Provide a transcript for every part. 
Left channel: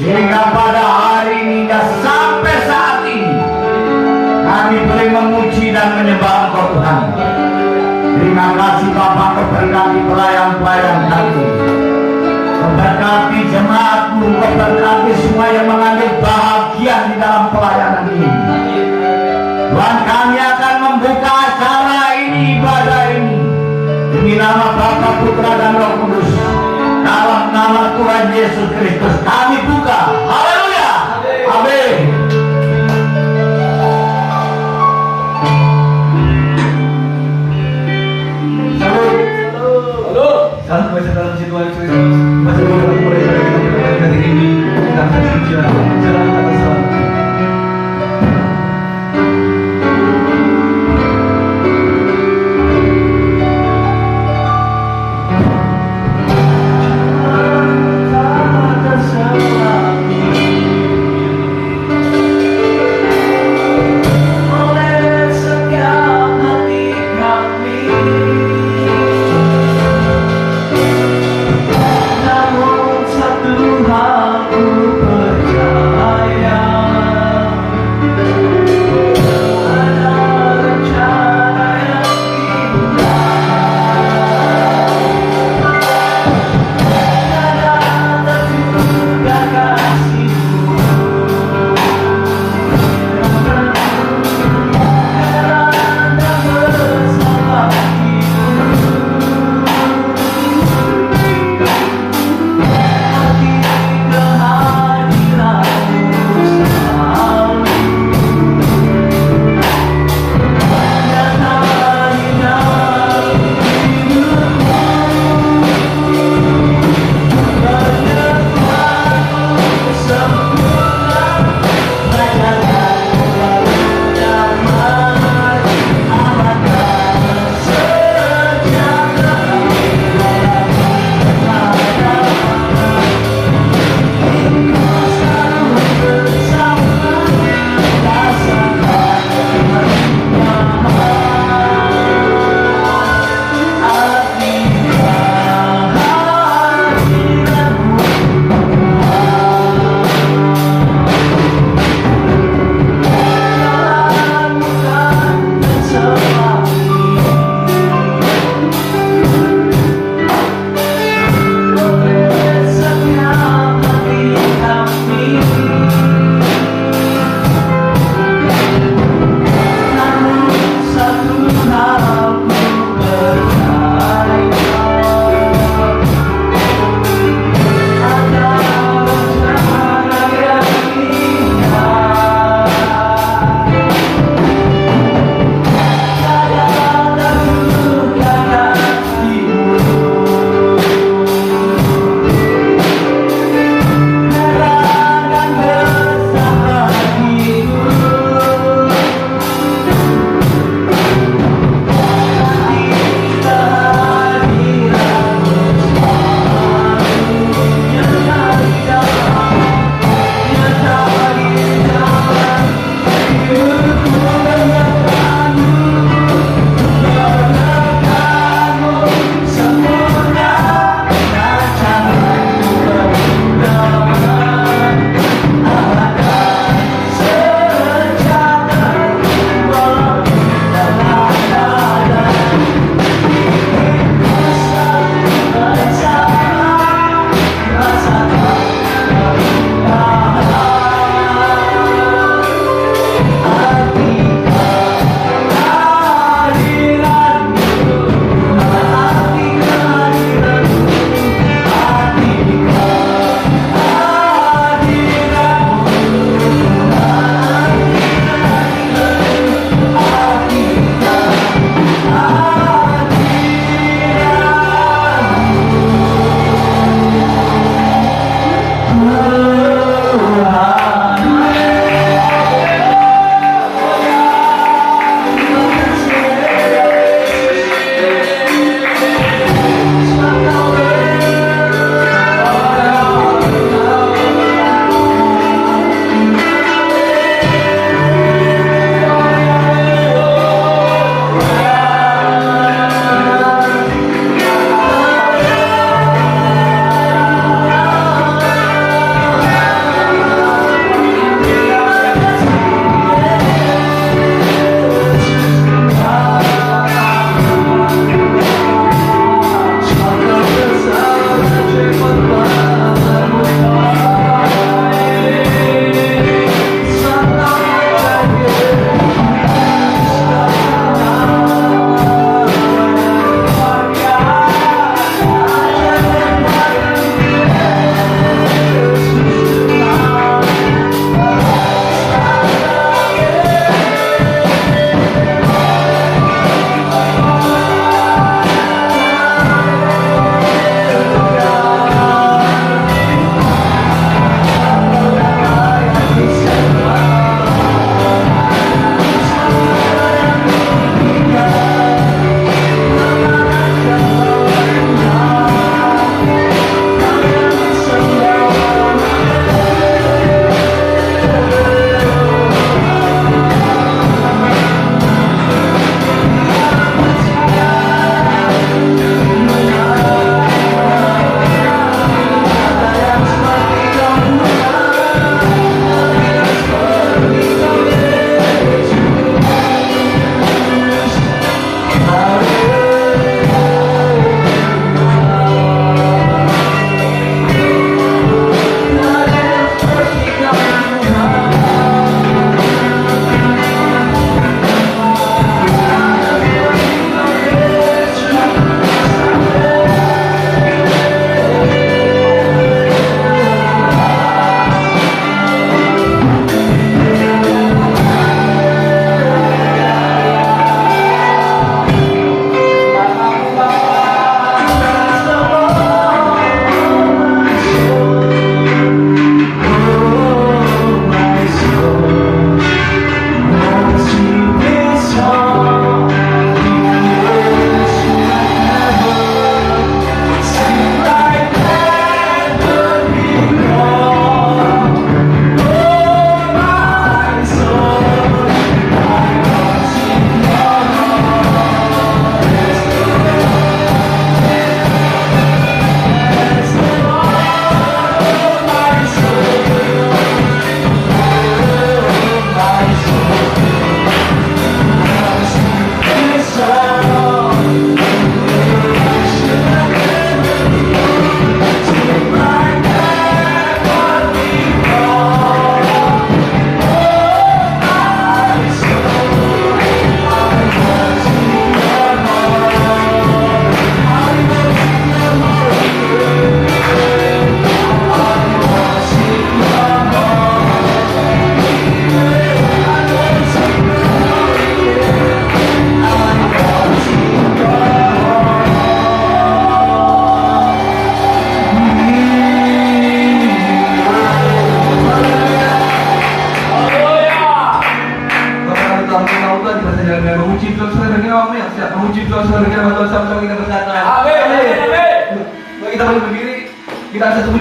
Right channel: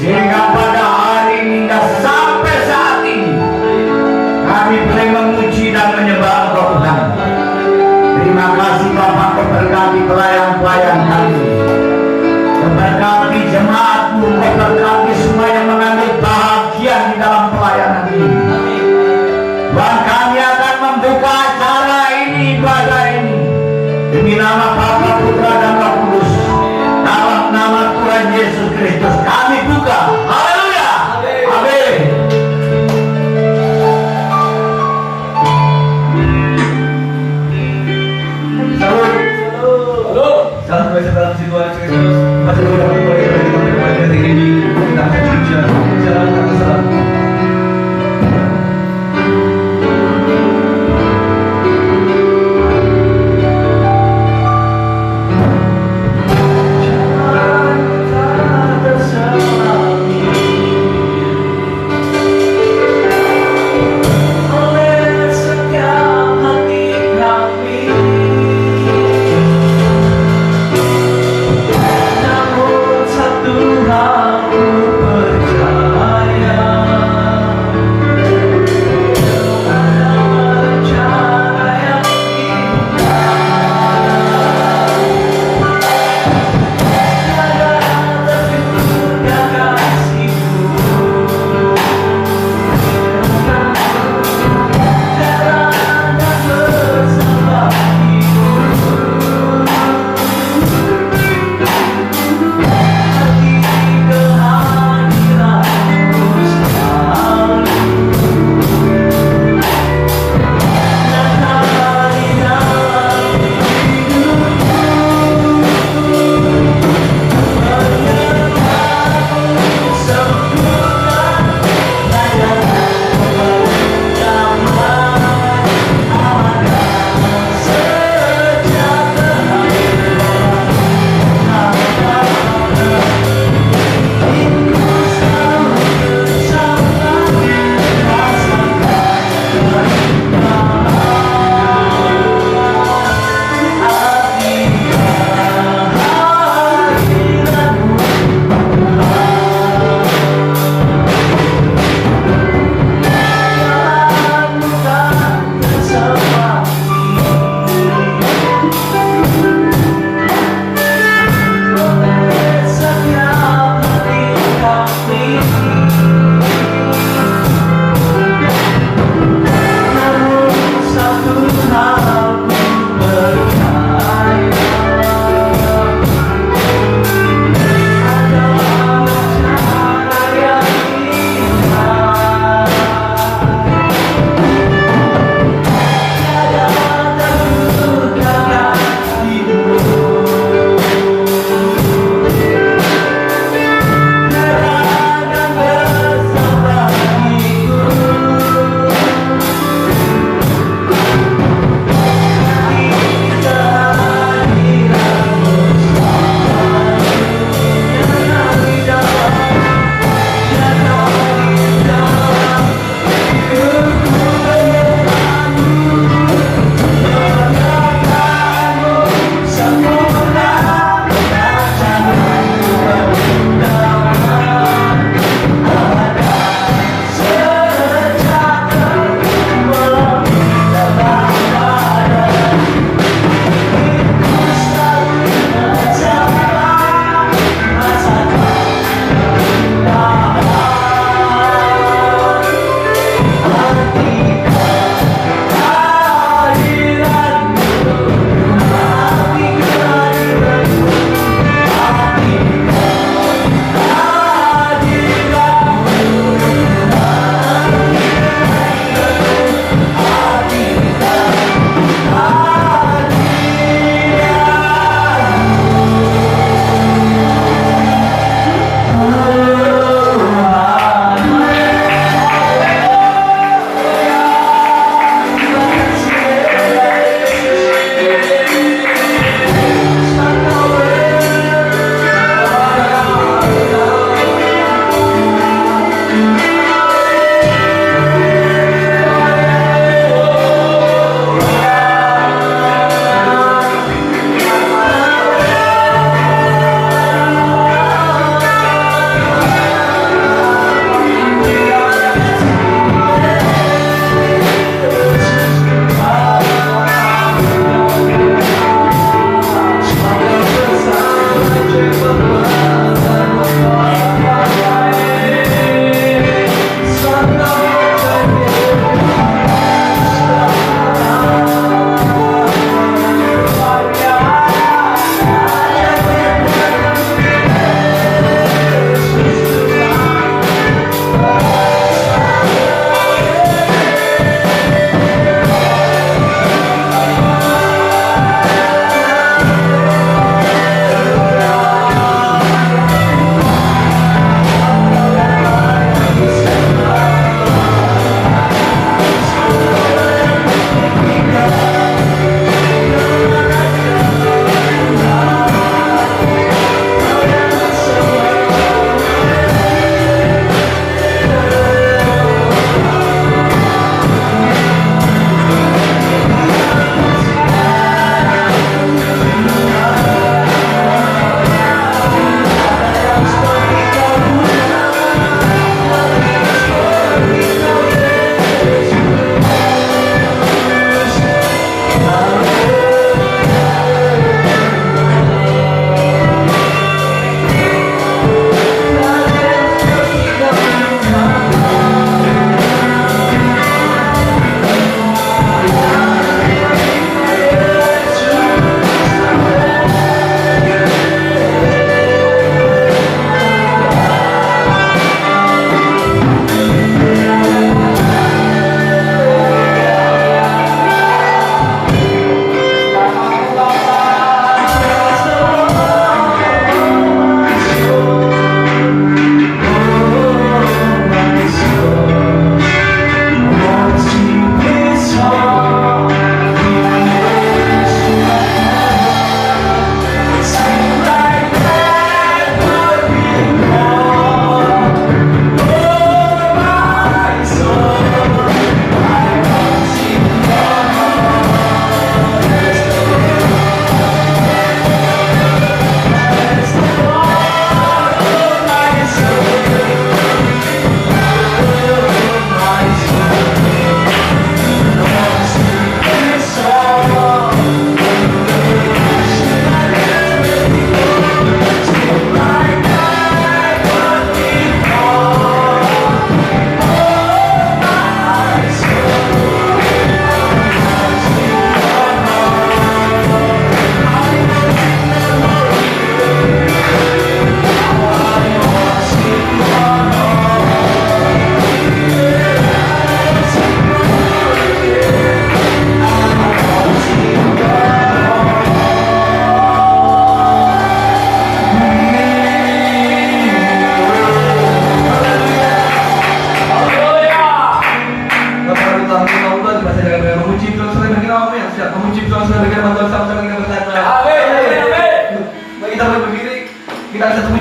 Sehingga pada hari ini dan sampai saat ini kami boleh memuji dan menyembah Engkau Tuhan. Terima kasih Bapak, Kau berkati pelayan-pelayan kami, Kau berkati jemaat-Mu, Kau berkati semua yang mengambil bahagian di dalam pelayanan ini. Tuhan, kami akan membuka acara ini, ibadah ini, demi nama Bapa, Putra dan Roh Kudus, dalam nama Tuhan Yesus Kristus kami buka. Haleluya. Amin. Salam kepada dalam situasi Kristus. Masih kita mulai dari ketika ini kita akan bicara. Salam kata salam. Namun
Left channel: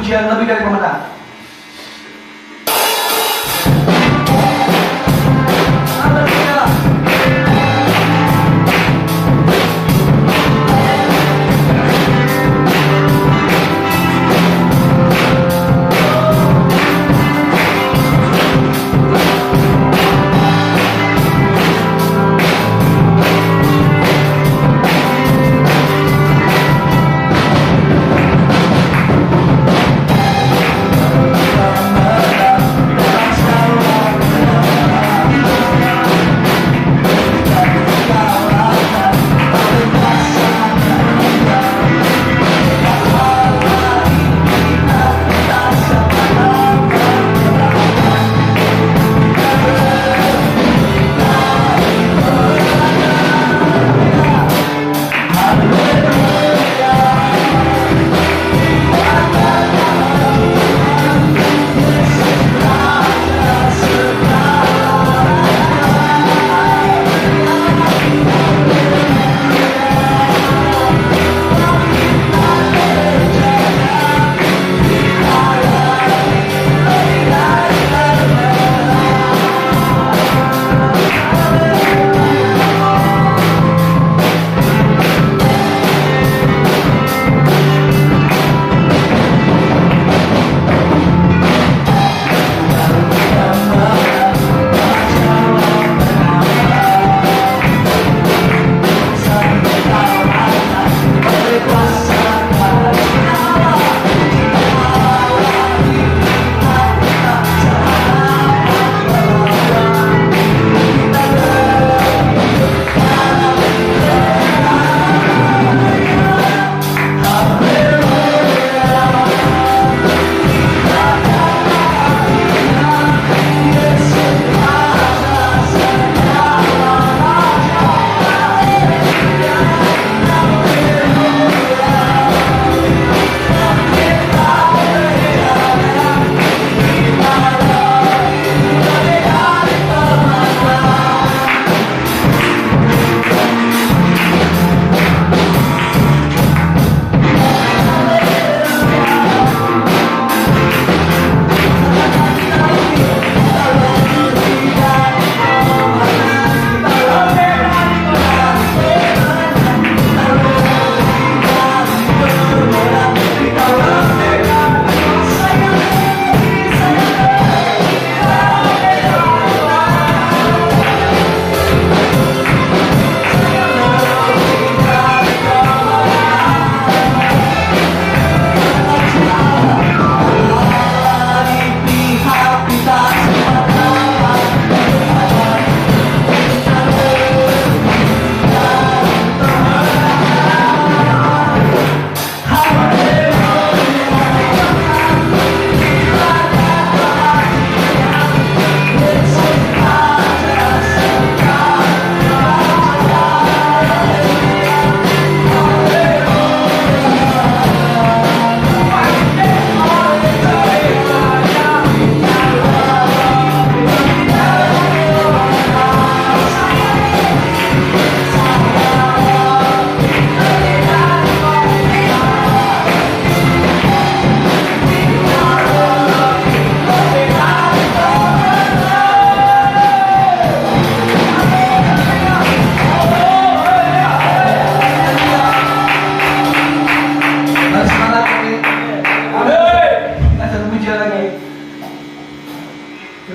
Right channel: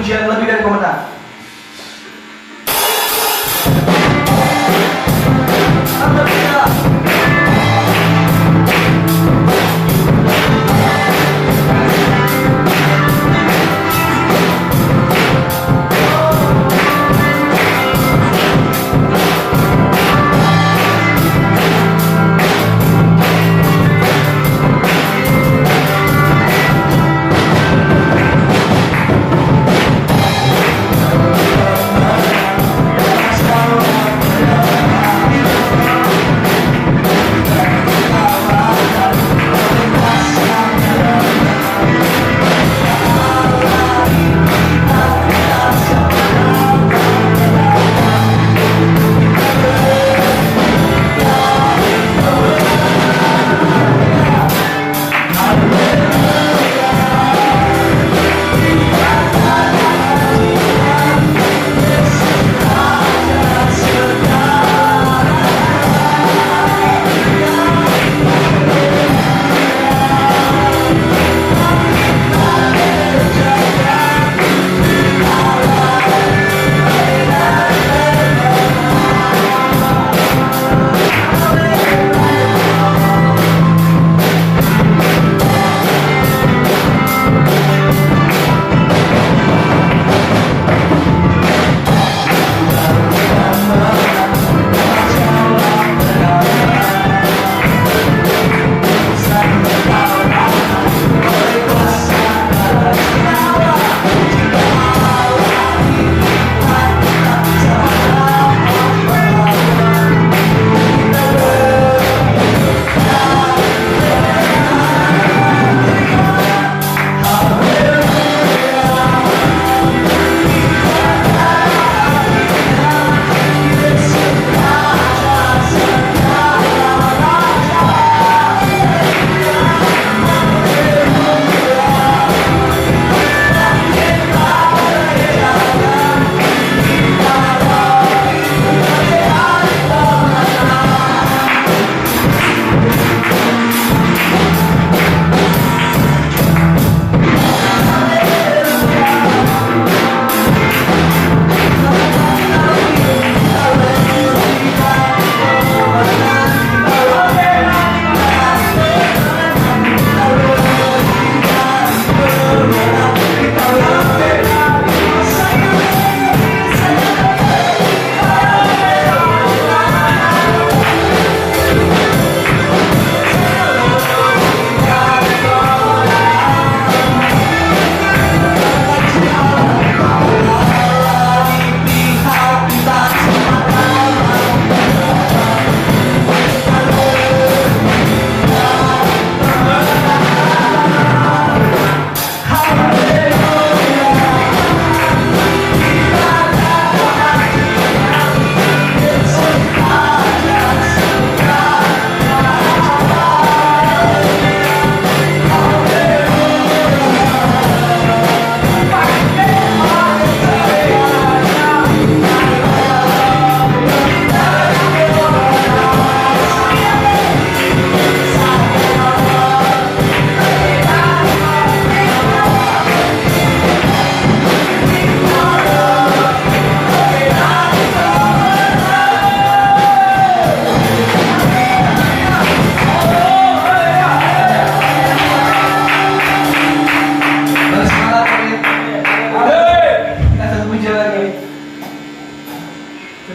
pujian lebih dari pemenang.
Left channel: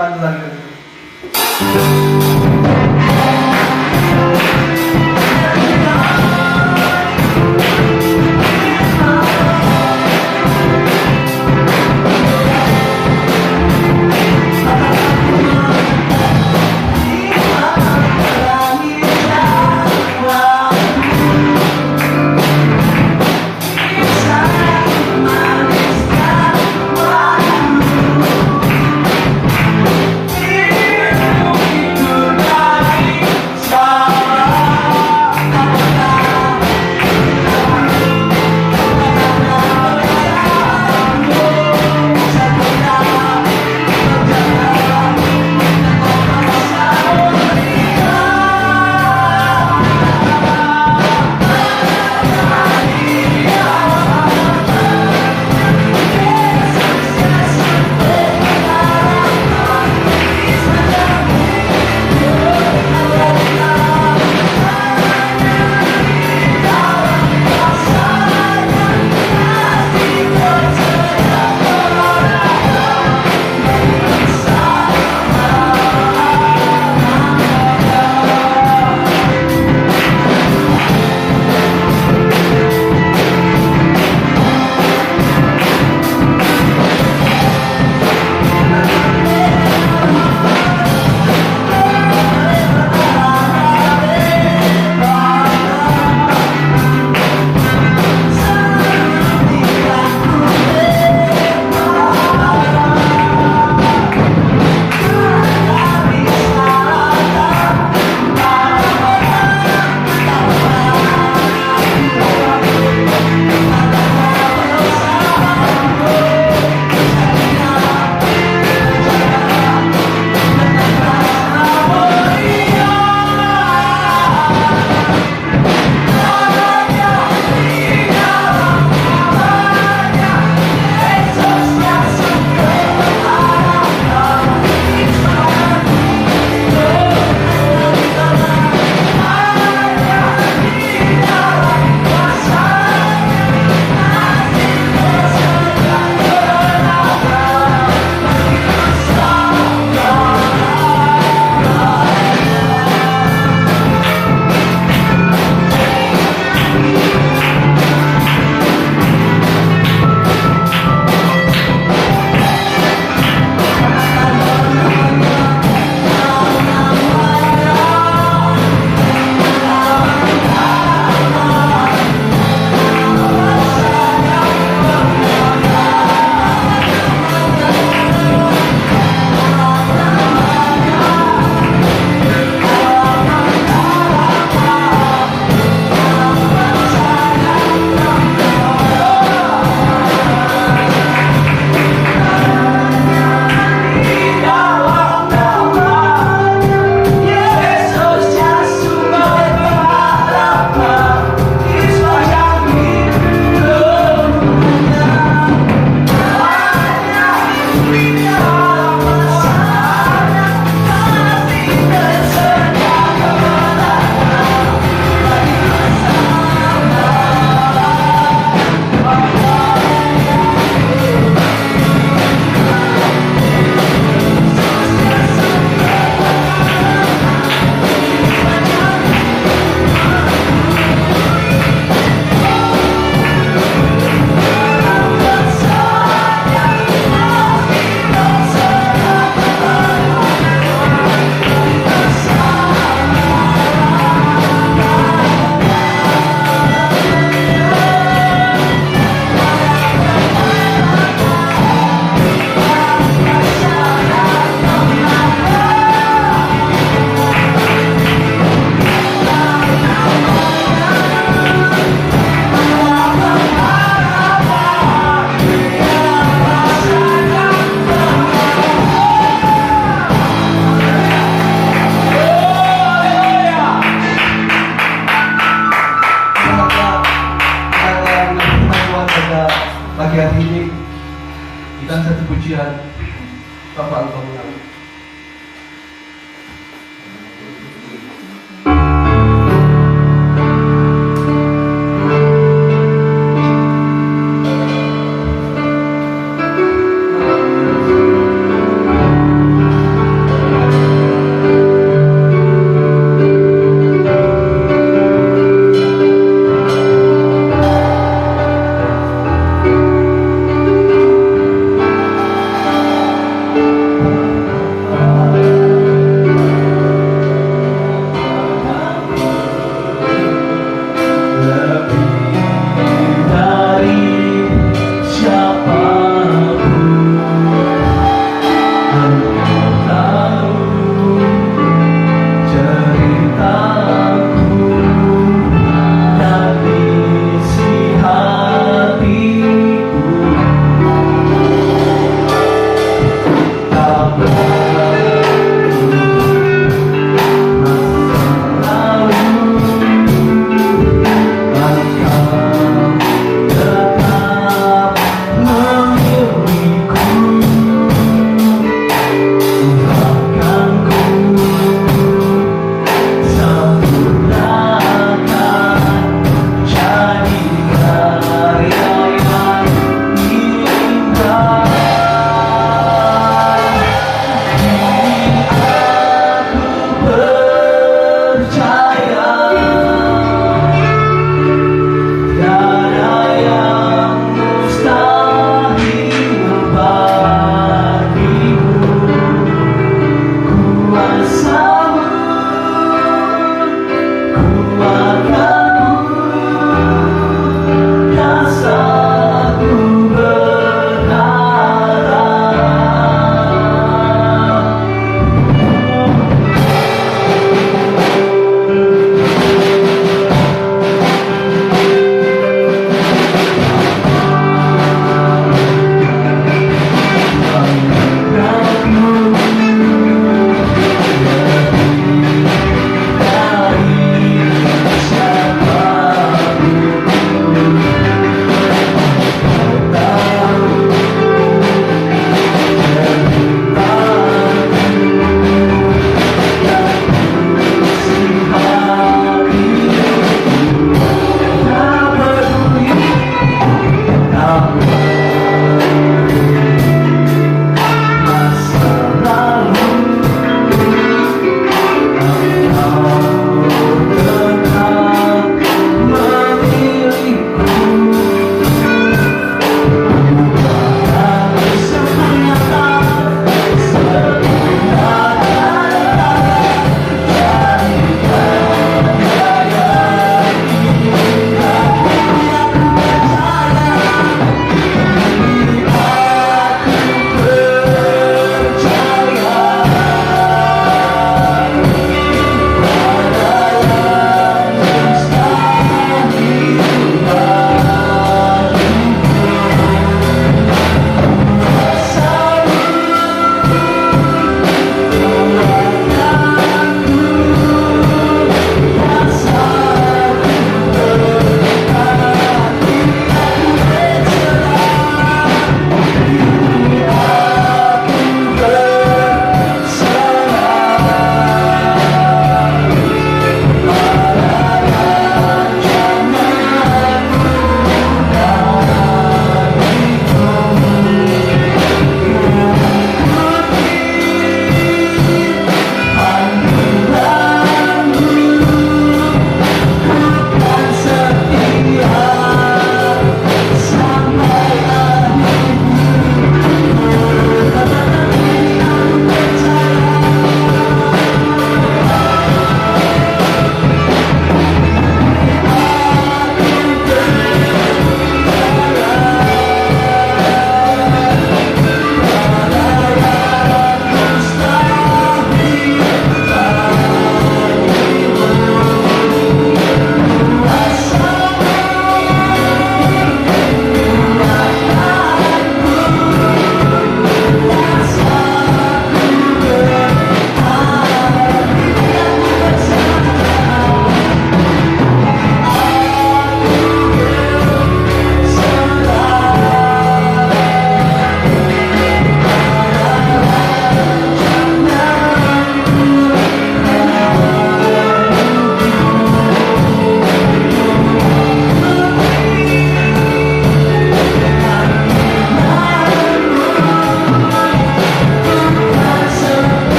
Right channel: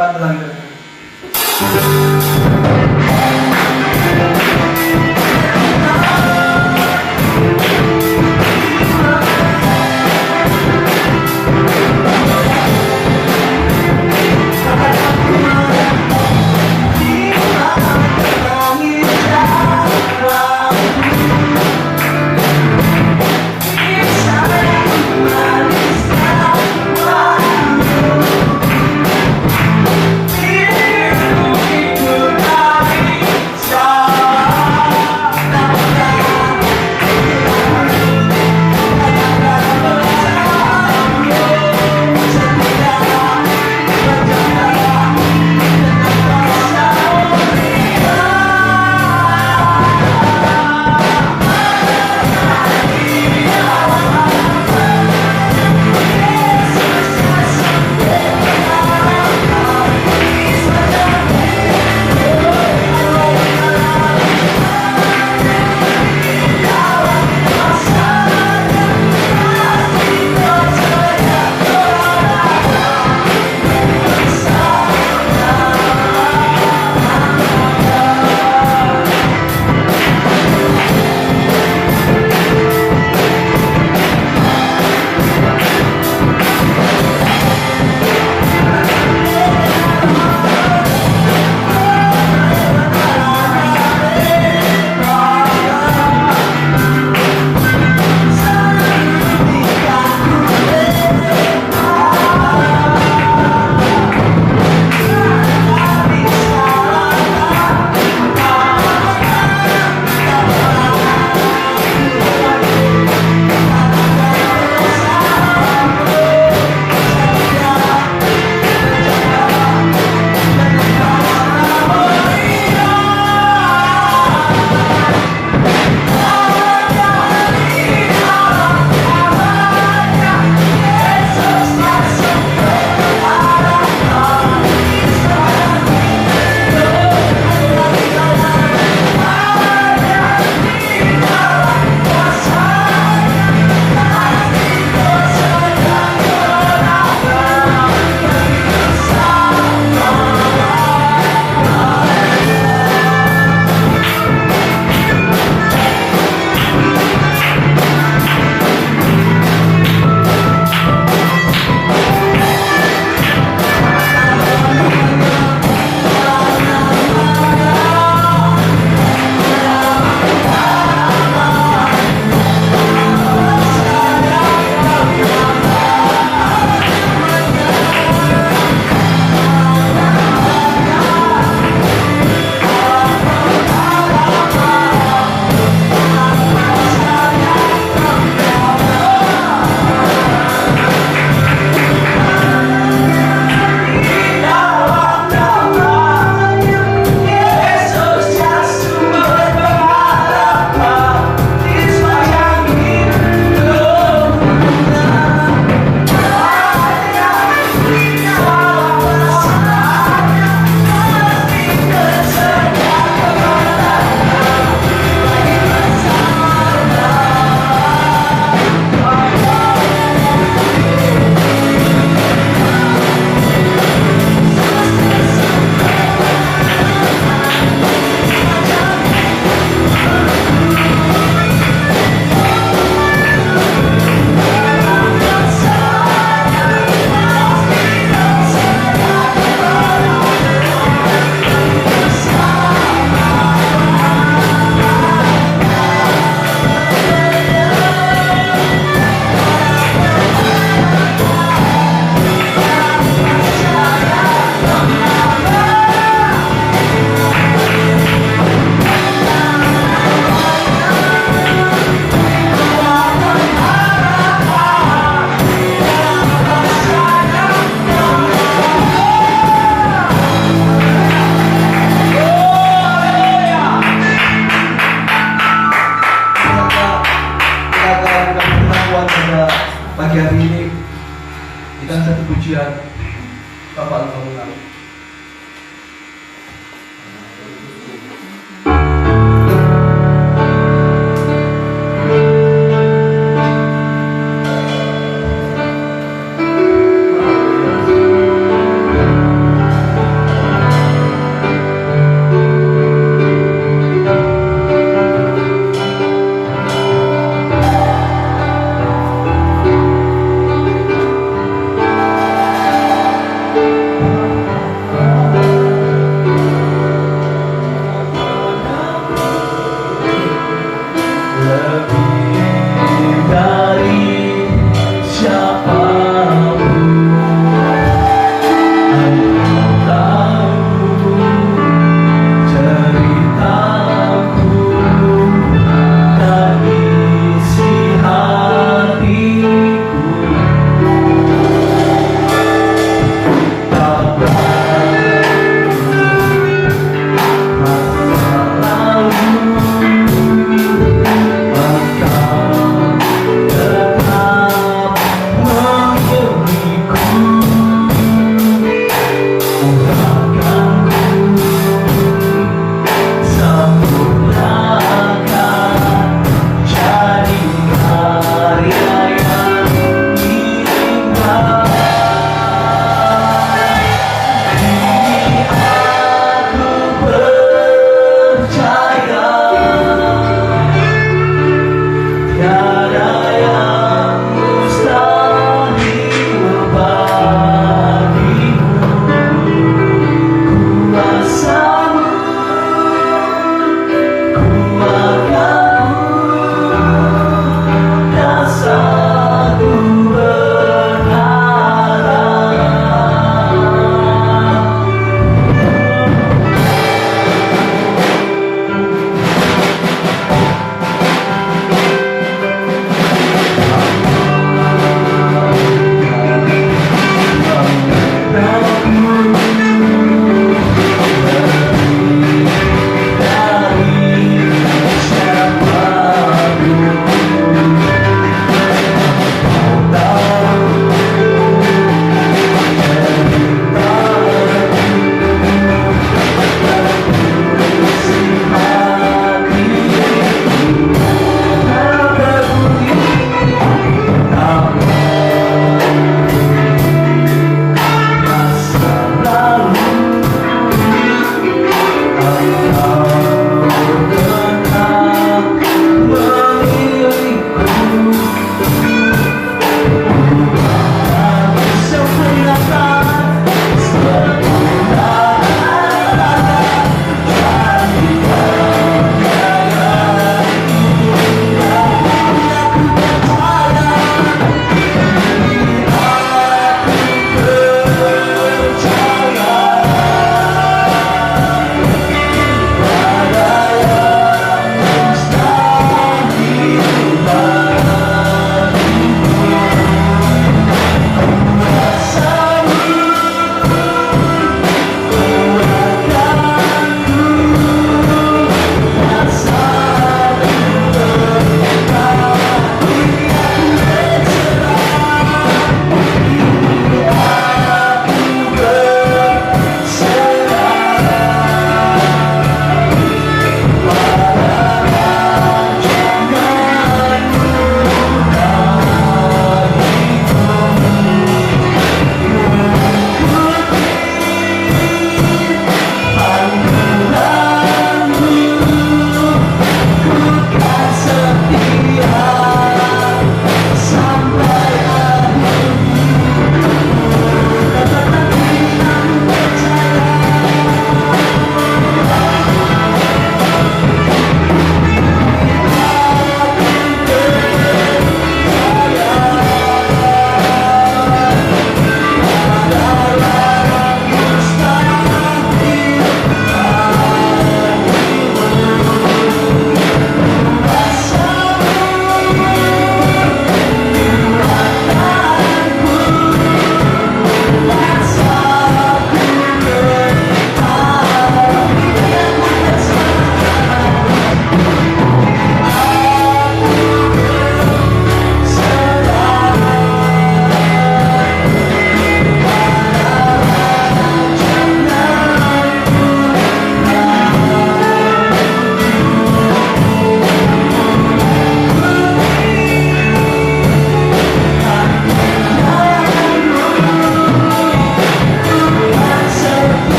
Bantu lagi. dan pujian Bapa Engkau menang.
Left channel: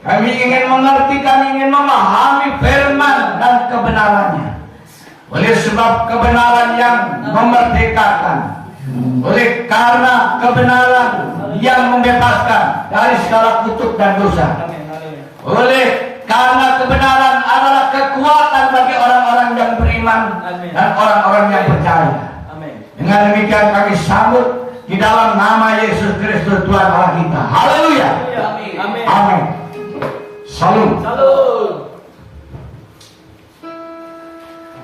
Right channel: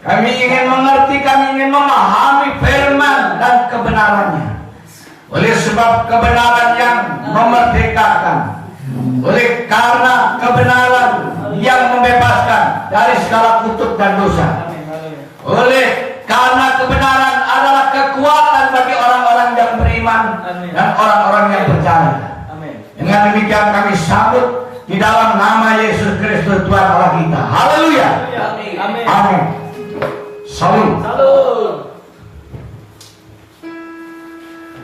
Kami ingin mengerti, kami ingin memahami firman dan kebenarannya. Oleh sebab kebenaran yang memerdekakan, oleh karena kebenaran yang membebaskan dari segala kutuk dan dosa, oleh karena kebenaran adalah kekuatan bagi orang-orang yang beriman dan orang-orang yang percaya. Dengan demikian kami sambut di dalam nama Yesus Kristus Tuhan Allah kita. Haleluya. Amin. Salut.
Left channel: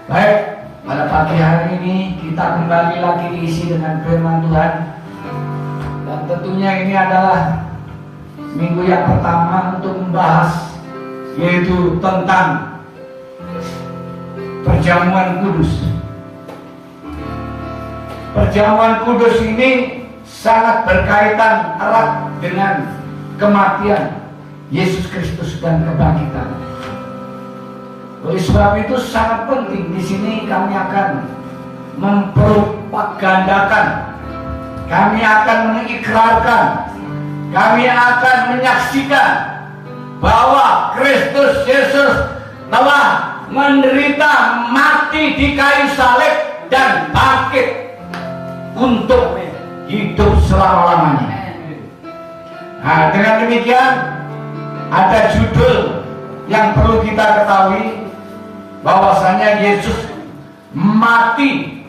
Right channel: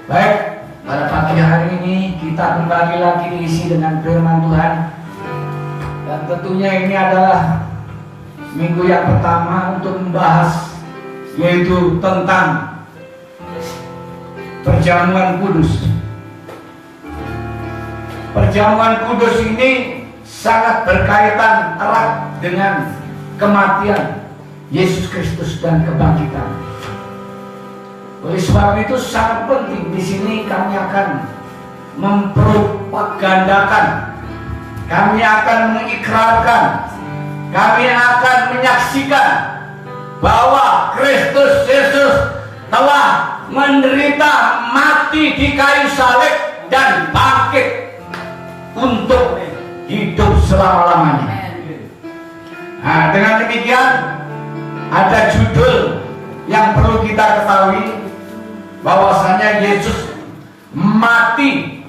Baik, pada pagi hari ini kita kembali lagi diisi dengan firman Tuhan. Dan tentunya ini adalah minggu yang pertama untuk membahas, yaitu tentang perjamuan kudus. Perjamuan kudus ini sangat berkaitan erat dengan kematian Yesus Kristus dan kebangkitan. Oleh sebab itu sangat penting di sini kami akan mempropagandakan, kami akan mengikrarkan, kami akan menyaksikan bahwa Kristus Yesus telah menderita mati di kayu salib dan bangkit untuk hidup selama-lamanya. Nah, dengan demikian ada judul yang perlu kita ketahui, bahwasanya Yesus mati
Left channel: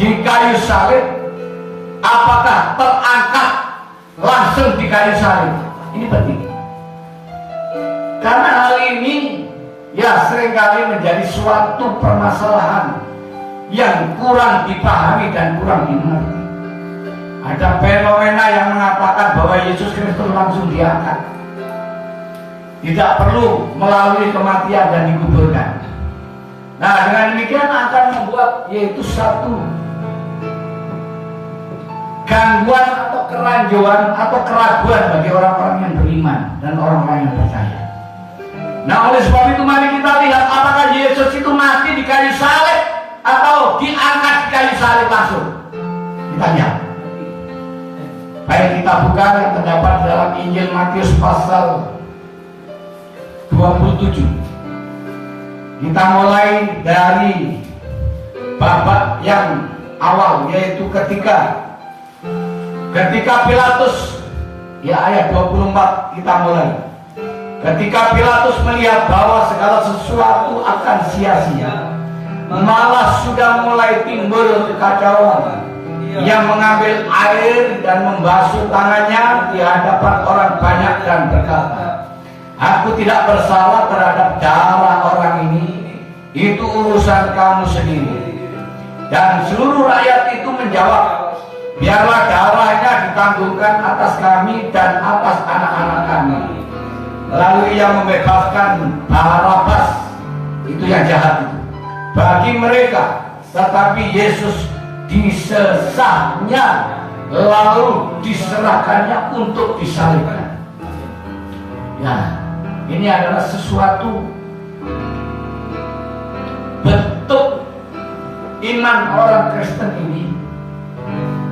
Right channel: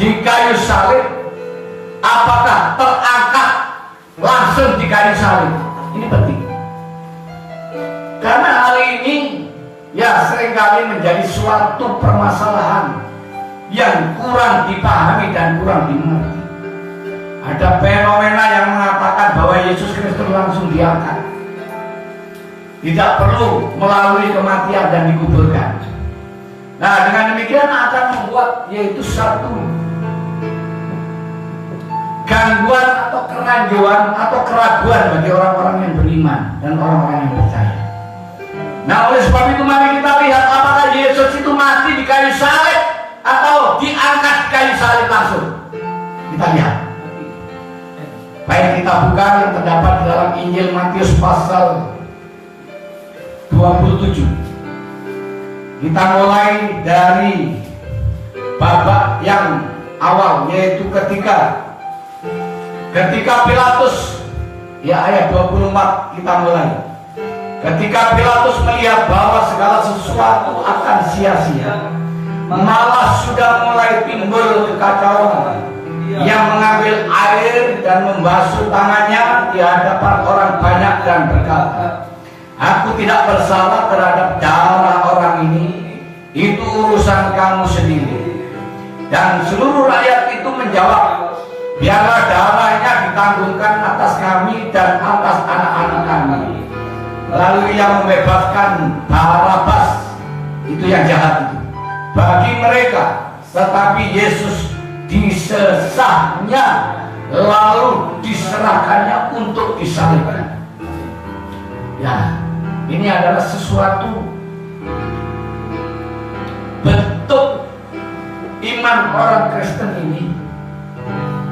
di kayu salib. Apakah terangkat langsung di kayu salib? Ini penting, karena hal ini ya seringkali menjadi suatu permasalahan yang kurang dipahami dan kurang dimengerti. Ada fenomena yang mengatakan bahwa Yesus Kristus langsung diangkat, tidak perlu melalui kematian dan dikuburkan. Nah, dengan demikian akan membuat yaitu satu gangguan atau kerancuan atau keraguan bagi orang-orang yang beriman dan orang-orang yang percaya. Nah, oleh sebab itu mari kita lihat apakah Yesus itu mati di kayu salib atau diangkat di kayu salib langsung. Kita lihat. Baik, kita buka yang terdapat dalam Injil Matius pasal 27. Kita mulai dari babak yang awal, yaitu ketika Pilatus, ya ayat 24 kita mulai. Ketika Pilatus melihat bahwa segala sesuatu akan sia-sia, malah sudah mulai timbul kekacauan, yang mengambil air dan membasuh tangannya di hadapan orang banyak dan berkata, "Aku tidak bersalah terhadap darah orang ini, itu urusan kamu sendiri." Dan seluruh rakyat itu menjawab, "Biarlah darahnya ditanggungkan atas kami dan atas anak-anak kami." Lalu ia membebaskan Barabas, itu yang jahat itu, bagi mereka, tetapi Yesus disesahnya lalu diserahkannya untuk disalibkan. Ya, ini adalah sesuatu bentuk iman orang Kristen ini.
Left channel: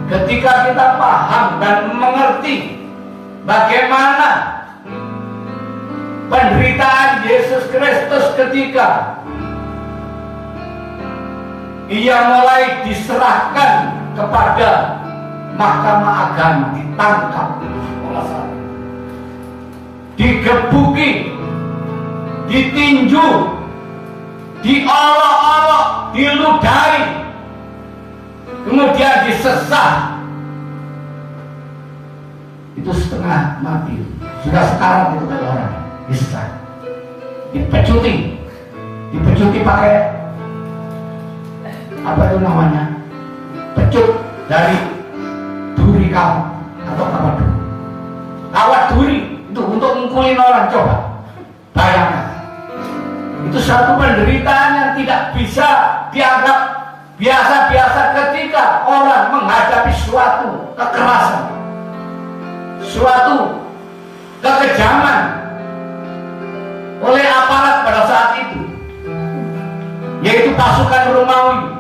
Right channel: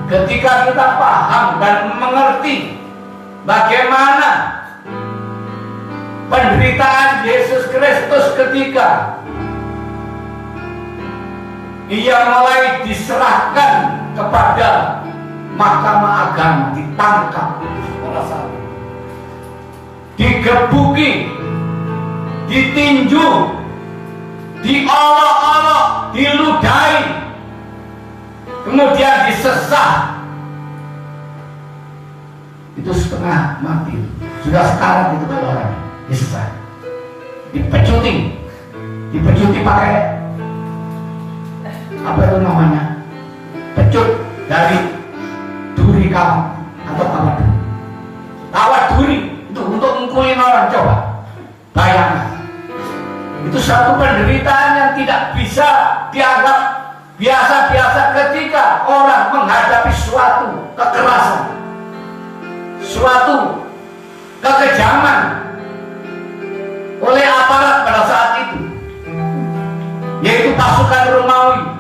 Ketika kita paham dan mengerti bagaimana penderitaan Yesus Kristus ketika Ia mulai diserahkan kepada mahkamah agama, ditangkap, digebuki, ditinju, diolok-olok, diludahi, kemudian disesah. Itu setengah mati, sudah sekarang itu kalau orang disesah, dipecuti pakai apa itu namanya, pecut dari duri kawat atau kawat duri itu untuk mukulin orang. Coba bayangkan, itu satu penderitaan yang tidak bisa dianggap biasa-biasa ketika orang menghadapi suatu kekerasan, suatu kekejaman oleh aparat pada saat itu, yaitu pasukan Romawi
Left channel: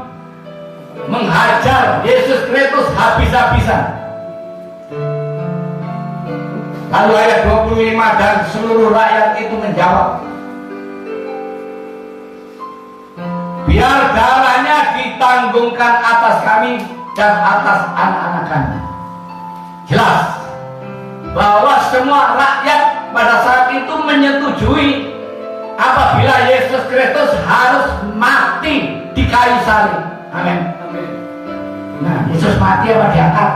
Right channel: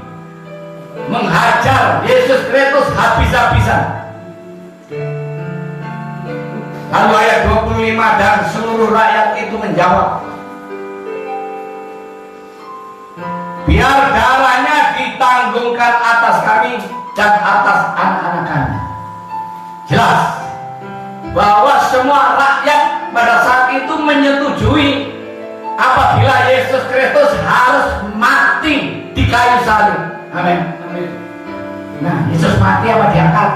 menghajar Yesus Kristus habis-habisan. Lalu ayat 25, dan seluruh rakyat itu menjawab, biar darahnya ditanggungkan atas kami dan atas anak-anak kami. Jelas bahwa semua rakyat pada saat itu menyetujui apabila Yesus Kristus harus mati di kayu salib. Amin. Nah, Yesus mati apa diangkat?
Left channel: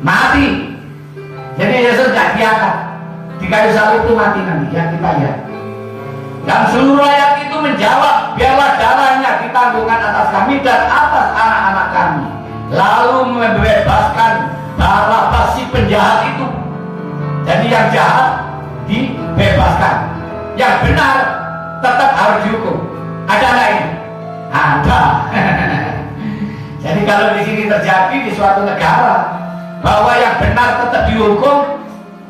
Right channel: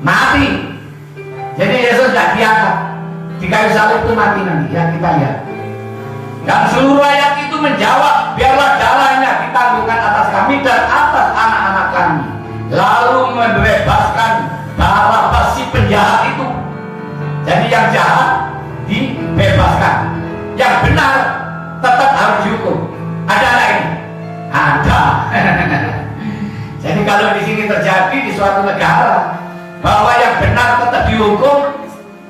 Mati. Jadi Yesus tidak diangkat, di kayu salib itu mati nanti. Ya, kita lihat. Dan seluruh rakyat itu menjawab, biarlah darahnya ditanggungkan atas kami dan atas anak-anak kami. Lalu membebaskan Barabas si penjahat itu. Jadi yang jahat dibebaskan, yang benar tetap harus dihukum. Ada nggak ini? Ada. Jadi kalau di sini terjadi di suatu negara bahwa yang benar tetap dihukum,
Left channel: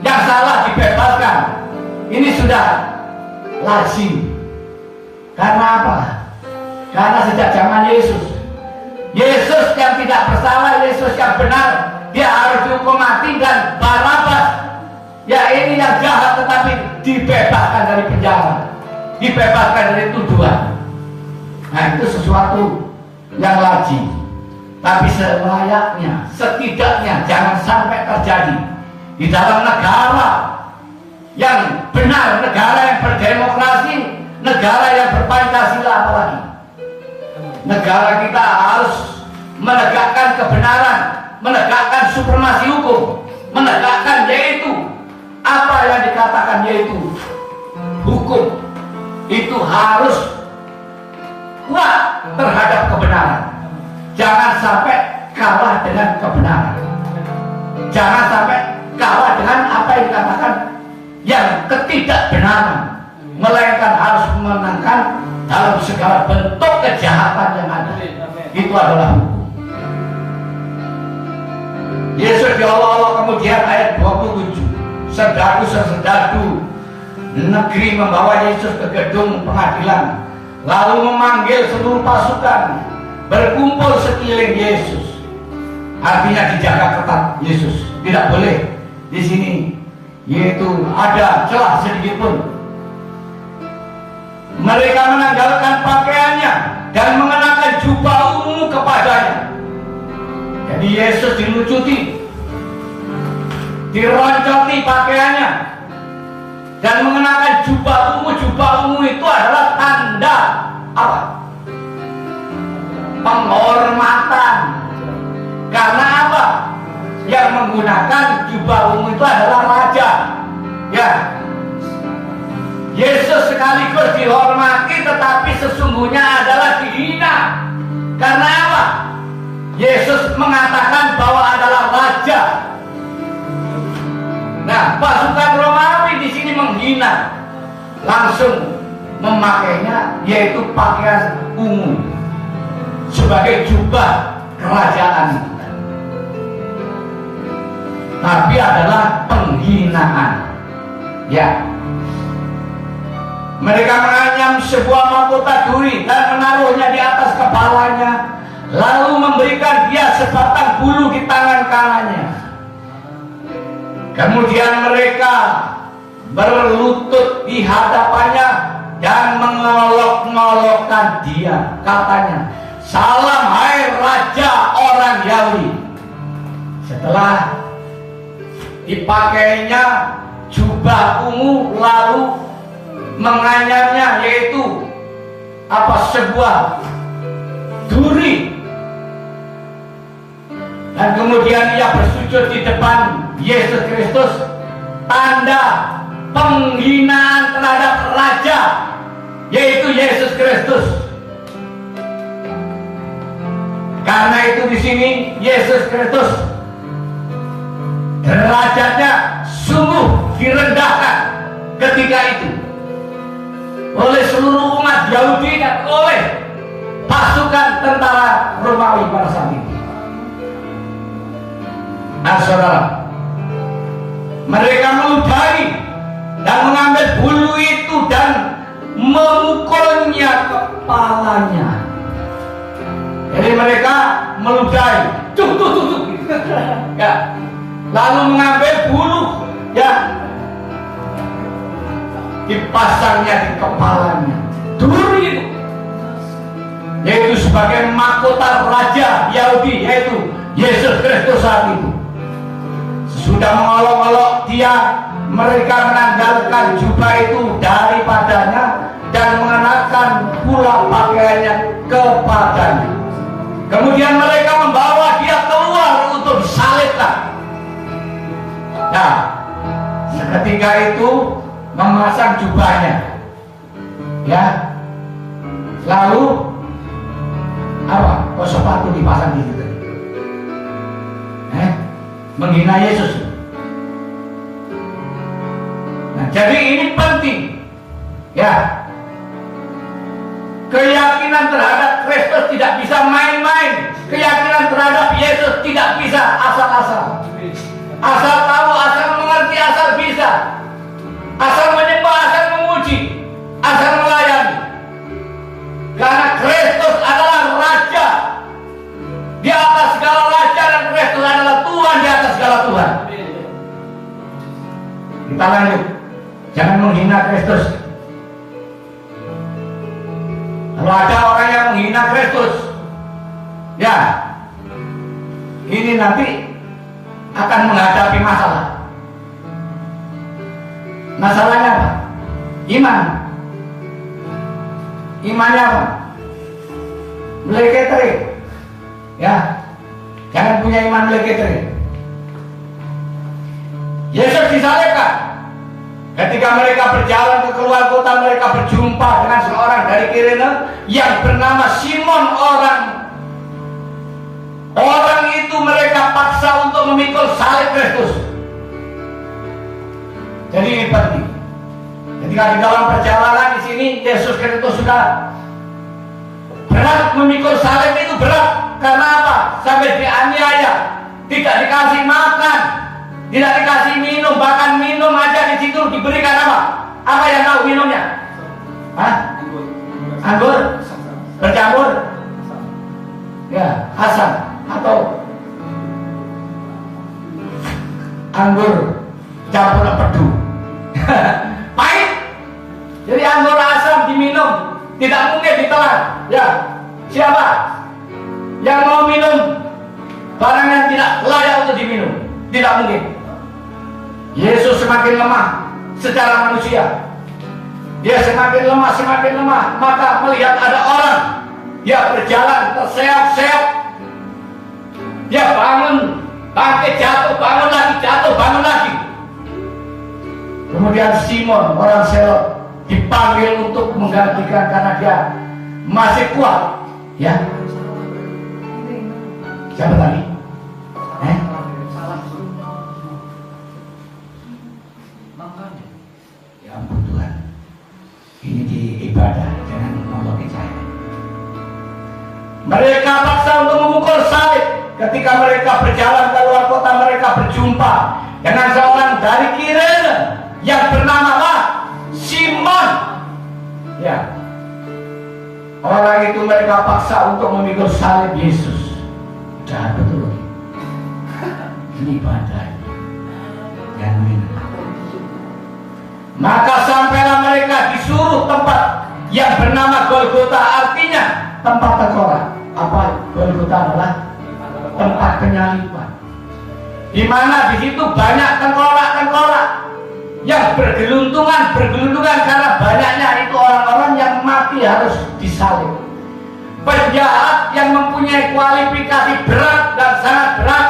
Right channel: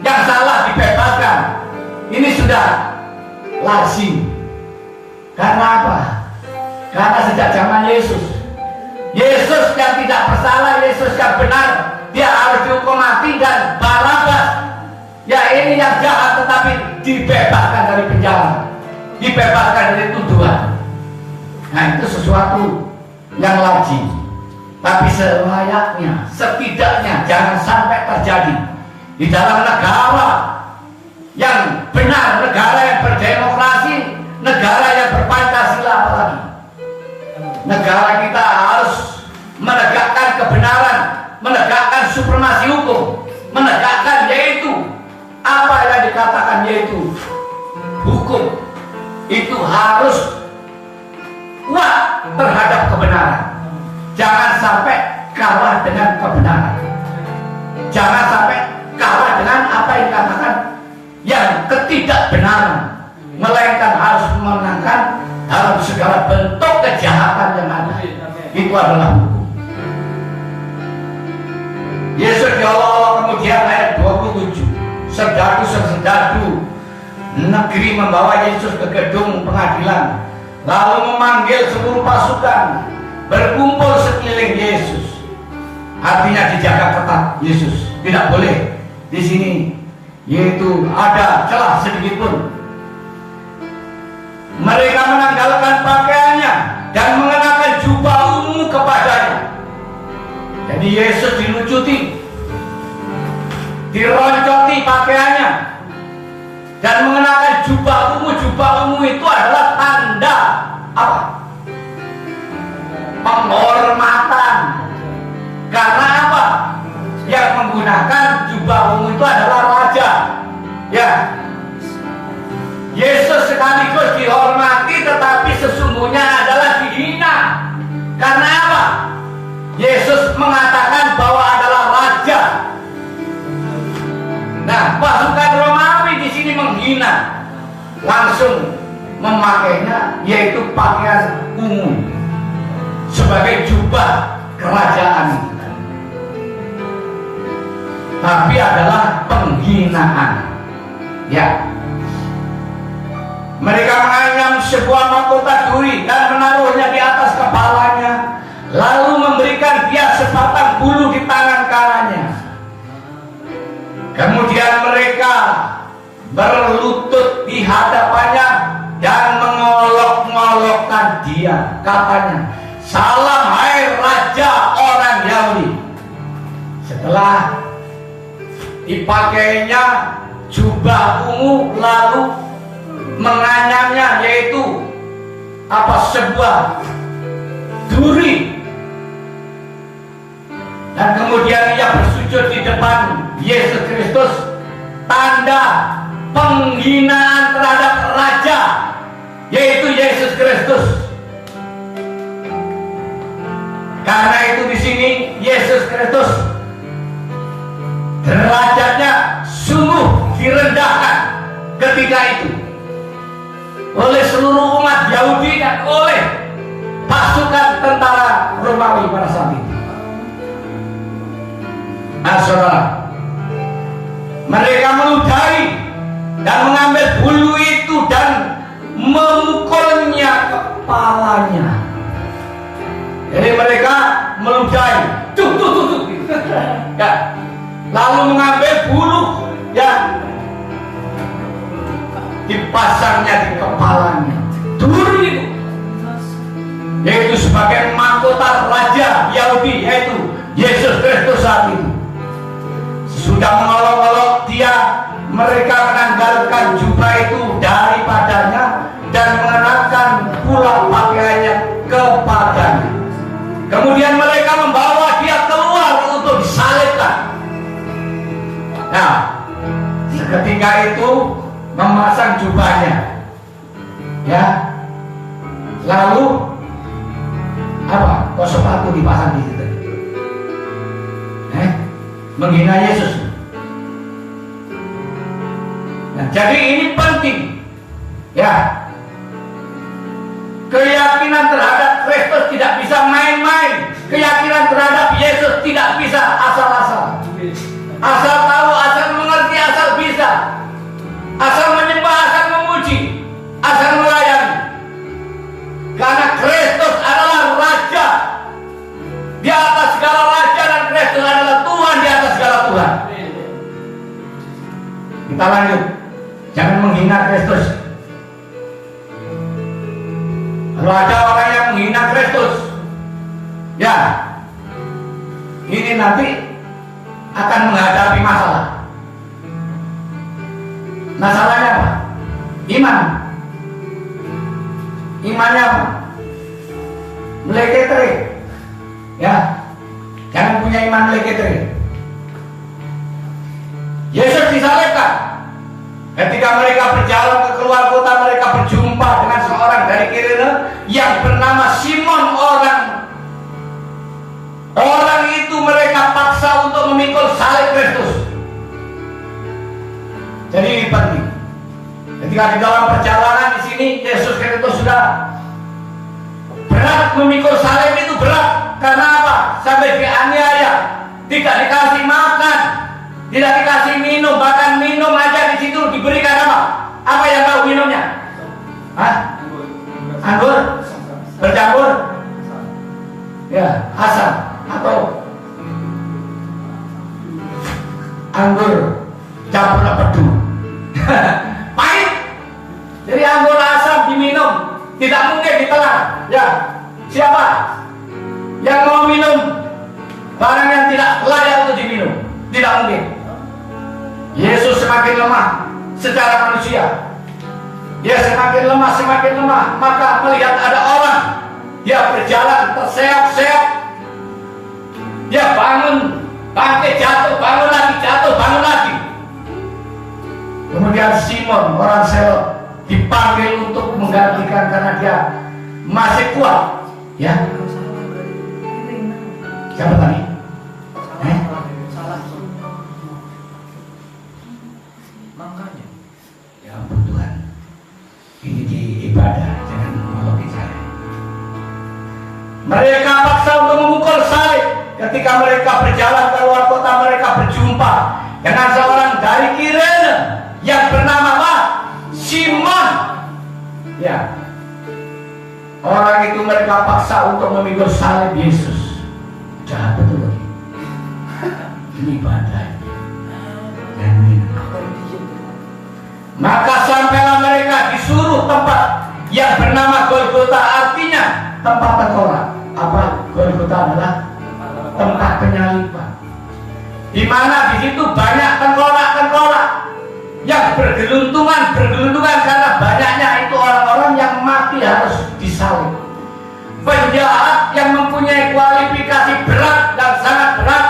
yang salah dibebaskan, ini sudah lazim. Karena apa? Karena sejak zaman Yesus yang tidak bersalah, Yesus yang benar, dia harus dihukum mati. Dan Barabas, ya ini yang jahat tetapi dibebaskan dari penjara, dibebaskan dari tuduhan. Nah, itu sesuatu yang lazim. Tapi selayaknya, setidaknya jangan sampai terjadi di dalam negara yang benar, negara yang berdemokrasi, negara yang berpancasila apalagi. Negara kita harus menegakkan kebenaran, menegakkan supremasi hukum, menegakkan yaitu apa yang dikatakan yaitu hukum itu harus kuat terhadap kebenaran. Jangan sampai kalah dengan kebenaran. Jangan sampai kalah dengan apa yang dikatakan yang ketidakbenaran, melainkan harus memenangkan dalam segala bentuk kejahatan yang ada. Itu adalah hukum. Yesus diolok-olok kemudian ayat 27. Serdadu-serdadu negeri membawa Yesus ke gedung pengadilan, lalu memanggil seluruh pasukan berkumpul sekeliling Yesus. Artinya dijaga ketat Yesus. Tidak boleh di sini yaitu ada celah sedikit pun. Mereka menanggalkan pakaiannya dan mengenakan jubah ungu kepadanya. Jadi Yesus dilucuti, dironcoti pakaiannya dan mengenakan jubah ungu. Jubah ungu itu adalah tanda apa? Penghormatan. Karena apa? Yang menggunakan jubah ungu itu adalah raja. Ya. Yesus sekaligus dihormati tetapi sesungguhnya adalah dihina. Karena apa? Yesus mengatakan bahwa adalah raja. Nah, pasukan Romawi di sini menghina, langsung memakainya yaitu pakaian ungu sebagai jubah kerajaan. Tapi adalah penghinaan. Ya. Mereka menganyam sebuah mahkota duri dan menaruhnya di atas kepalanya, lalu memberikan dia sebatang bulu di tangan kanannya. Kemudian mereka berlutut di hadapannya dan mengolok-ngolokkan dia. Katanya, "Salam hai Raja orang Yahudi." Setelah dipakainya jubah ungu, lalu menganyamnya yaitu apa? Sebuah duri. Dan kemudian ia bersujud di depan Yesus Kristus, tanda penghinaan terhadap raja yaitu Yesus Kristus. Karena itu di sini Yesus Kristus derajatnya sungguh direndahkan ketika itu oleh seluruh umat Yahudi dan oleh pasukan tentara Romawi pada saat itu. Nah, saudara, mereka meludahi dan mengambil bulu itu dan memukulnya kepalanya. Jadi mereka meludahi, tuh. Ya. Lalu mengambil bulu ya, dipasangnya di kepalanya duri itu, yaitu sebagai mahkota raja Yahudi, yaitu Yesus Kristus saat itu. Sesudah mengolok-olok dia, mereka menanggalkan jubah itu daripadanya dan mengenakan pula pakaiannya kepadanya. Kemudian mereka membawa dia keluar untuk disalibkan. Nah, seketika itu memasang jubahnya, ya. Lalu apa? Kok sepatu dipasang di situ? Menghina Yesus. Nah, jadi ini penting, ya. Keyakinan terhadap Kristus tidak bisa main-main. Keyakinan terhadap Yesus tidak bisa asal-asal. Asal tahu, asal mengerti, asal bisa. Asal menyembah, asal memuji, asal melayani. Karena Kristus adalah Raja di atas segala raja, dan Kristus adalah Tuhan di atas segala Tuhan. Kita lanjut. Jangan menghina Kristus. Kalau ada orang yang menghina Kristus, ya, ini nanti akan menghadapi masalah. Masalahnya apa? Iman. Imannya apa? Meleketre. Ya, jangan punya iman meleketre. Yesus disalibkan. Ketika mereka berjalan ke keluar kota, mereka berjumpa dengan seorang dari Kirene yang bernama Simon. Orang itu mereka paksa untuk memikul salib Kristus. Jadi ini penting. Ketika di dalam perjalanan di sini, Yesus Kristus sudah berat memikul salib itu berat. Karena apa? Sampai dianiaya, tidak dikasih makan, tidak dikasih minum, bahkan minum aja di situ diberikan apa? Apa yang tahu minumnya? Hah? Anggur? Bercampur? Ya, asam atau anggur campur pedu. Pahit. Jadi anggur asam diminum, tidak mungkin ditelan. Ya, siapa yang mau minum barang yang tidak layak untuk diminum? Tidak mungkin. Yesus semakin lemah secara manusia. Dia semakin lemah, maka melihat ada orang, dia berjalan terseok-seok, dia bangun, bangkit, jatuh, bangun lagi. Kemudian Simon, orang Selot, dipanggil untuk menggantikan karena dia masih kuat. Ya, siapa tadi? Makanya, ya ampun Tuhan, ini di ibadah, jangan nolongi saya. Mereka paksa untuk memukul salib. Ketika mereka berjalan ke luar kota, mereka berjumpa dengan seorang dari Kirene yang bernama apa? Simon. Ya, orang itu mereka paksa untuk memikul salib Yesus. Jahat betul. Ini ibadah. Maka sampailah mereka disuruh tempat yang bernama Golgota, artinya tempat tengkorak. Apa Golgota adalah? Tempat penyaliban. Di mana di situ banyak tengkorak-tengkorak yang bergeluntungan karena banyaknya itu orang-orang yang mati harus disalib. Penjahat yang mempunyai kualifikasi berat dan sangat berat,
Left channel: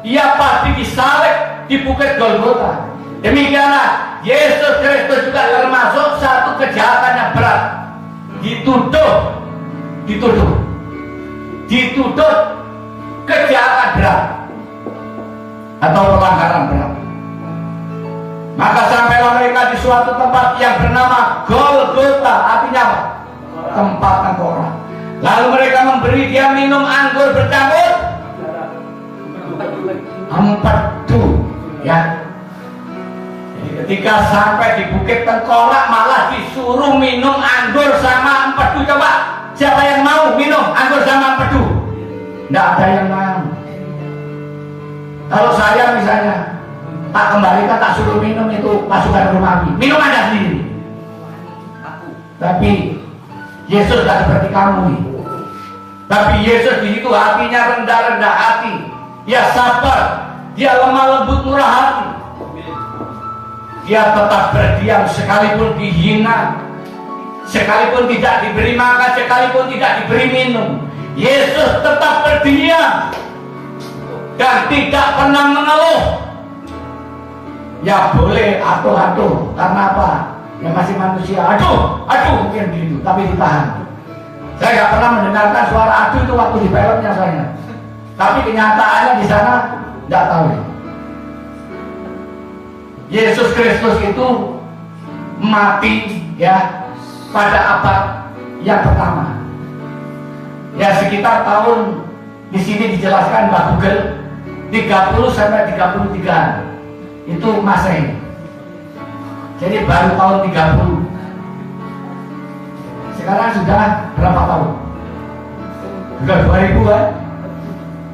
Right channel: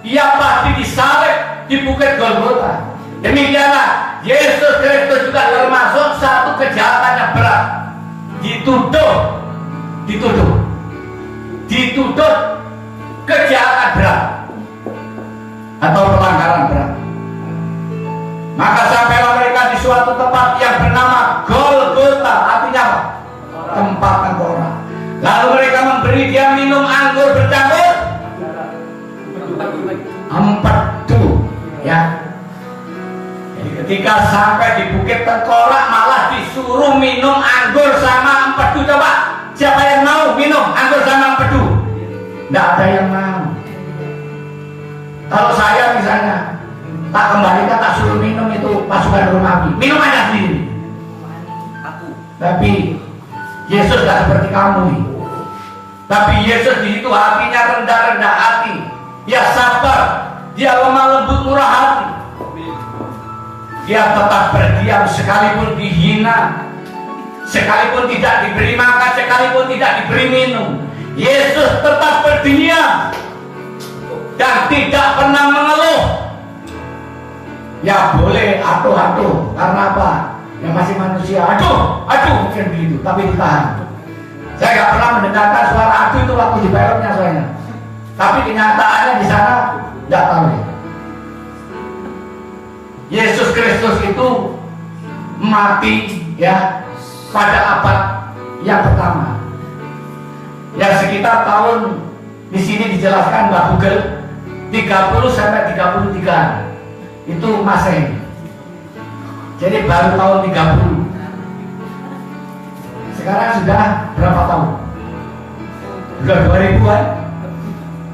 ia pasti disalib di Bukit Golgota. Demikianlah Yesus Kristus juga termasuk satu kejahatan yang berat. Dituduh kejahatan berat atau pelanggaran berat. Maka sampailah mereka di suatu tempat yang bernama Golgota, artinya apa? Tempat tengkorak. Lalu mereka memberi dia minum anggur bercampur empedu, ya. Jadi ketika sampai di Bukit Tengkorak malah disuruh minum anggur sama empedu. Coba, siapa yang mau minum anggur sama empedu? Tidak ada yang mau. Kalau saya misalnya tak kembalikan, tak suruh minum itu pasukan Romawi. Minum aja sendiri. Tapi Yesus gak seperti kamu nih. Tapi Yesus di situ hatinya rendah-rendah hati. Dia sabar, dia lemah lembut murah hati. Dia tetap berdiam sekalipun dihina, sekalipun tidak diberi makan, sekalipun tidak diberi minum. Yesus tetap berdiam dan tidak pernah mengeluh. Ya boleh atuh-atuh, karena apa? Yang masih manusia, aduh mungkin begitu, tapi ditahan. Saya nggak pernah mendengarkan suara aduh itu waktu di filmnya saya. Tapi kenyataannya di sana nggak tahu. Yesus Kristus itu mati ya pada abad yang pertama. Ya sekitar tahun di sini dijelaskan Mbak Google 30 sampai 33 itu Masehi. Jadi baru tahun 30. Sekarang sudah berapa tahun? Sudah 2000 kan?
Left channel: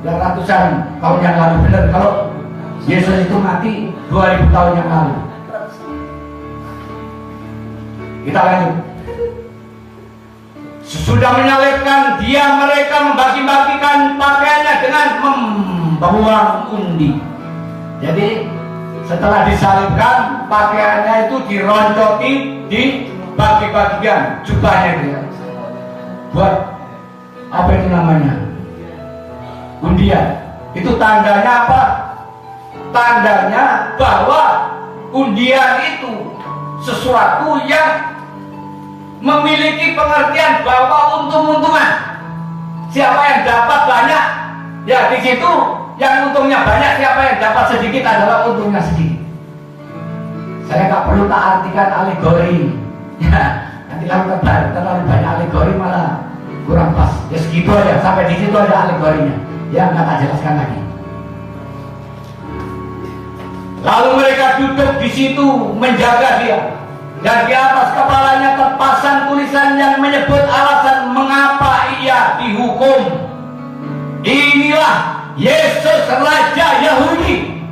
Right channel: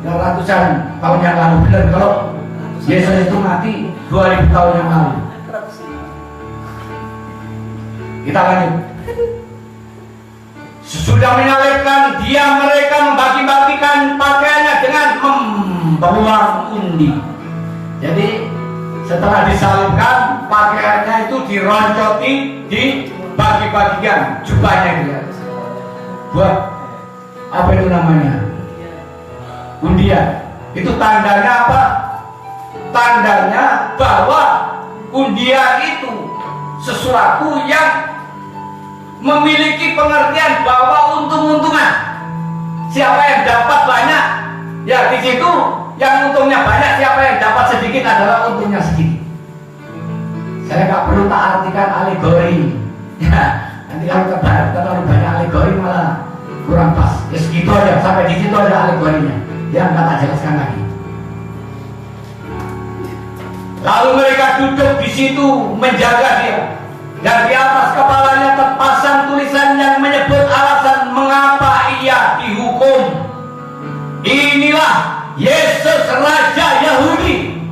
Sudah ratusan tahun yang lalu. Benar kalau Yesus itu mati 2000 tahun yang lalu. Kita lanjut. Sudah menyalibkan dia, mereka membagi-bagikan pakaiannya dengan membuang undi. Jadi setelah disalibkan, pakaiannya itu dironcoti, dibagi-bagikan jubahnya dia. Buat apa itu namanya? Undian. Itu tandanya apa? Tandanya bahwa undian itu sesuatu yang memiliki pengertian bahwa untung-untungan. Siapa yang dapat banyak, ya di situ yang untungnya banyak. Siapa yang dapat sedikit adalah untungnya sedikit. Saya nggak perlu tak artikan alegori. Ya, nanti kalau terlalu banyak alegori malah kurang pas. Ya segitu aja, sampai di situ ada alegorinya. Yang nggak tak jelaskan lagi. Lalu mereka duduk di situ menjaga dia. Dan di atas kepalanya terpasang tulisan yang menyebut alasan mengapa ia dihukum. Inilah Yesus Raja Yahudi.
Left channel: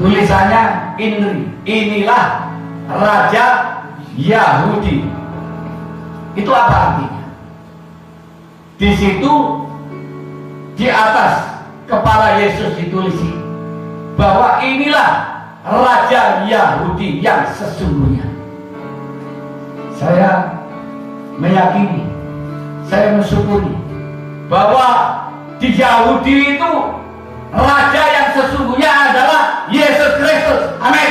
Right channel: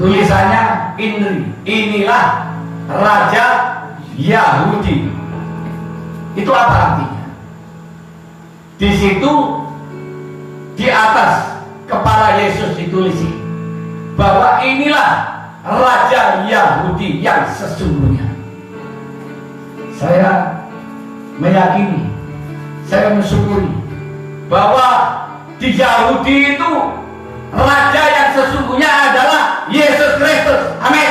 Tulisannya inilah Raja Yahudi. Itu apa artinya? Di situ di atas kepala Yesus ditulis bahwa inilah Raja Yahudi yang sesungguhnya. Saya meyakini, saya mensyukuri bahwa di Yahudi itu Raja yang sesungguhnya adalah Yesus Kristus. Amin.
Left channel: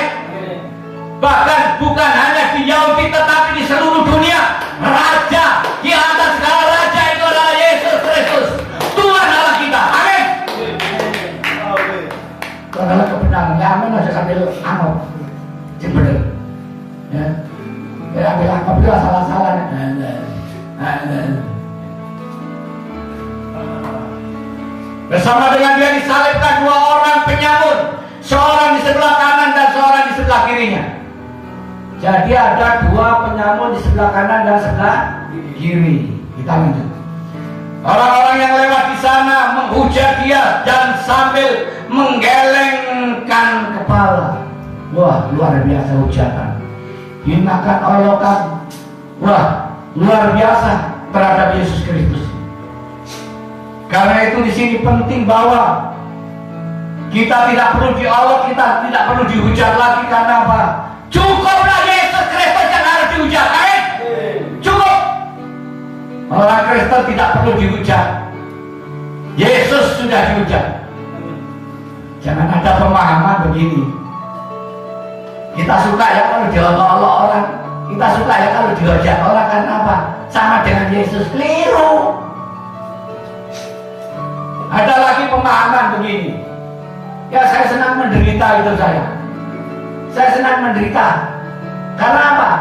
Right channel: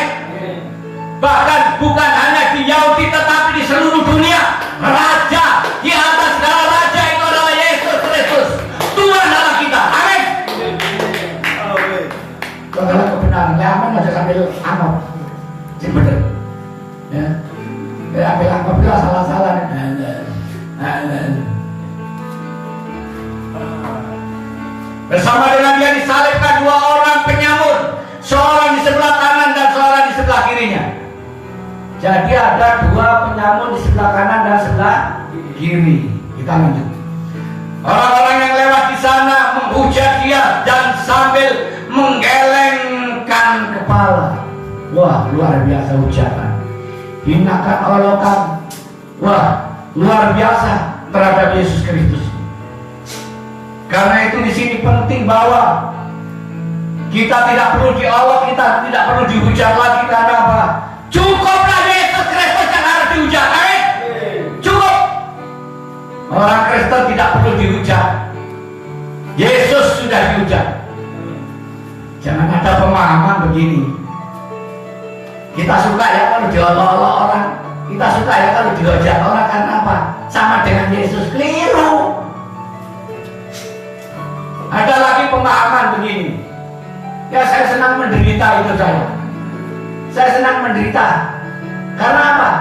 Bahkan bukan hanya di Yahudi tetapi di seluruh dunia, Raja di atas segala raja itu adalah Yesus Kristus, Tuhan Allah kita. Amin. Itu adalah kebenaran. Amin. Harus ambil amap, sih bener. Ya, ambil amap itu salah-salah. Bersama dengan dia disalibkan dua orang penyamun, seorang di sebelah kanan dan seorang di sebelah kirinya. Jadi ada dua penyamun di sebelah kanan dan sebelah kiri. Kita lanjut. Orang-orang yang lewat di sana menghujat dia dan sambil menggelengkan kepala. Wah, luar biasa hujatan. Hinakan, olokan. Wah, luar biasa terhadap Yesus Kristus. Karena itu di sini penting bahwa kita tidak perlu diolok, kita tidak perlu dihujat lagi. Karena apa? Cukuplah Yesus Kristus yang harus dihujat. Amin. Cukup. Orang Kristen tidak perlu dihujat. Yesus sudah dihujat. Jangan ada pemahaman begini. Kita suka ya kalau diolok-olok orang. Kita suka ya kalau dihujat orang. Karena apa? Sama dengan Yesus. Keliru. Ada lagi pemahaman begini. Ya saya senang menderita itu saya. Saya senang menderita. Karena apa?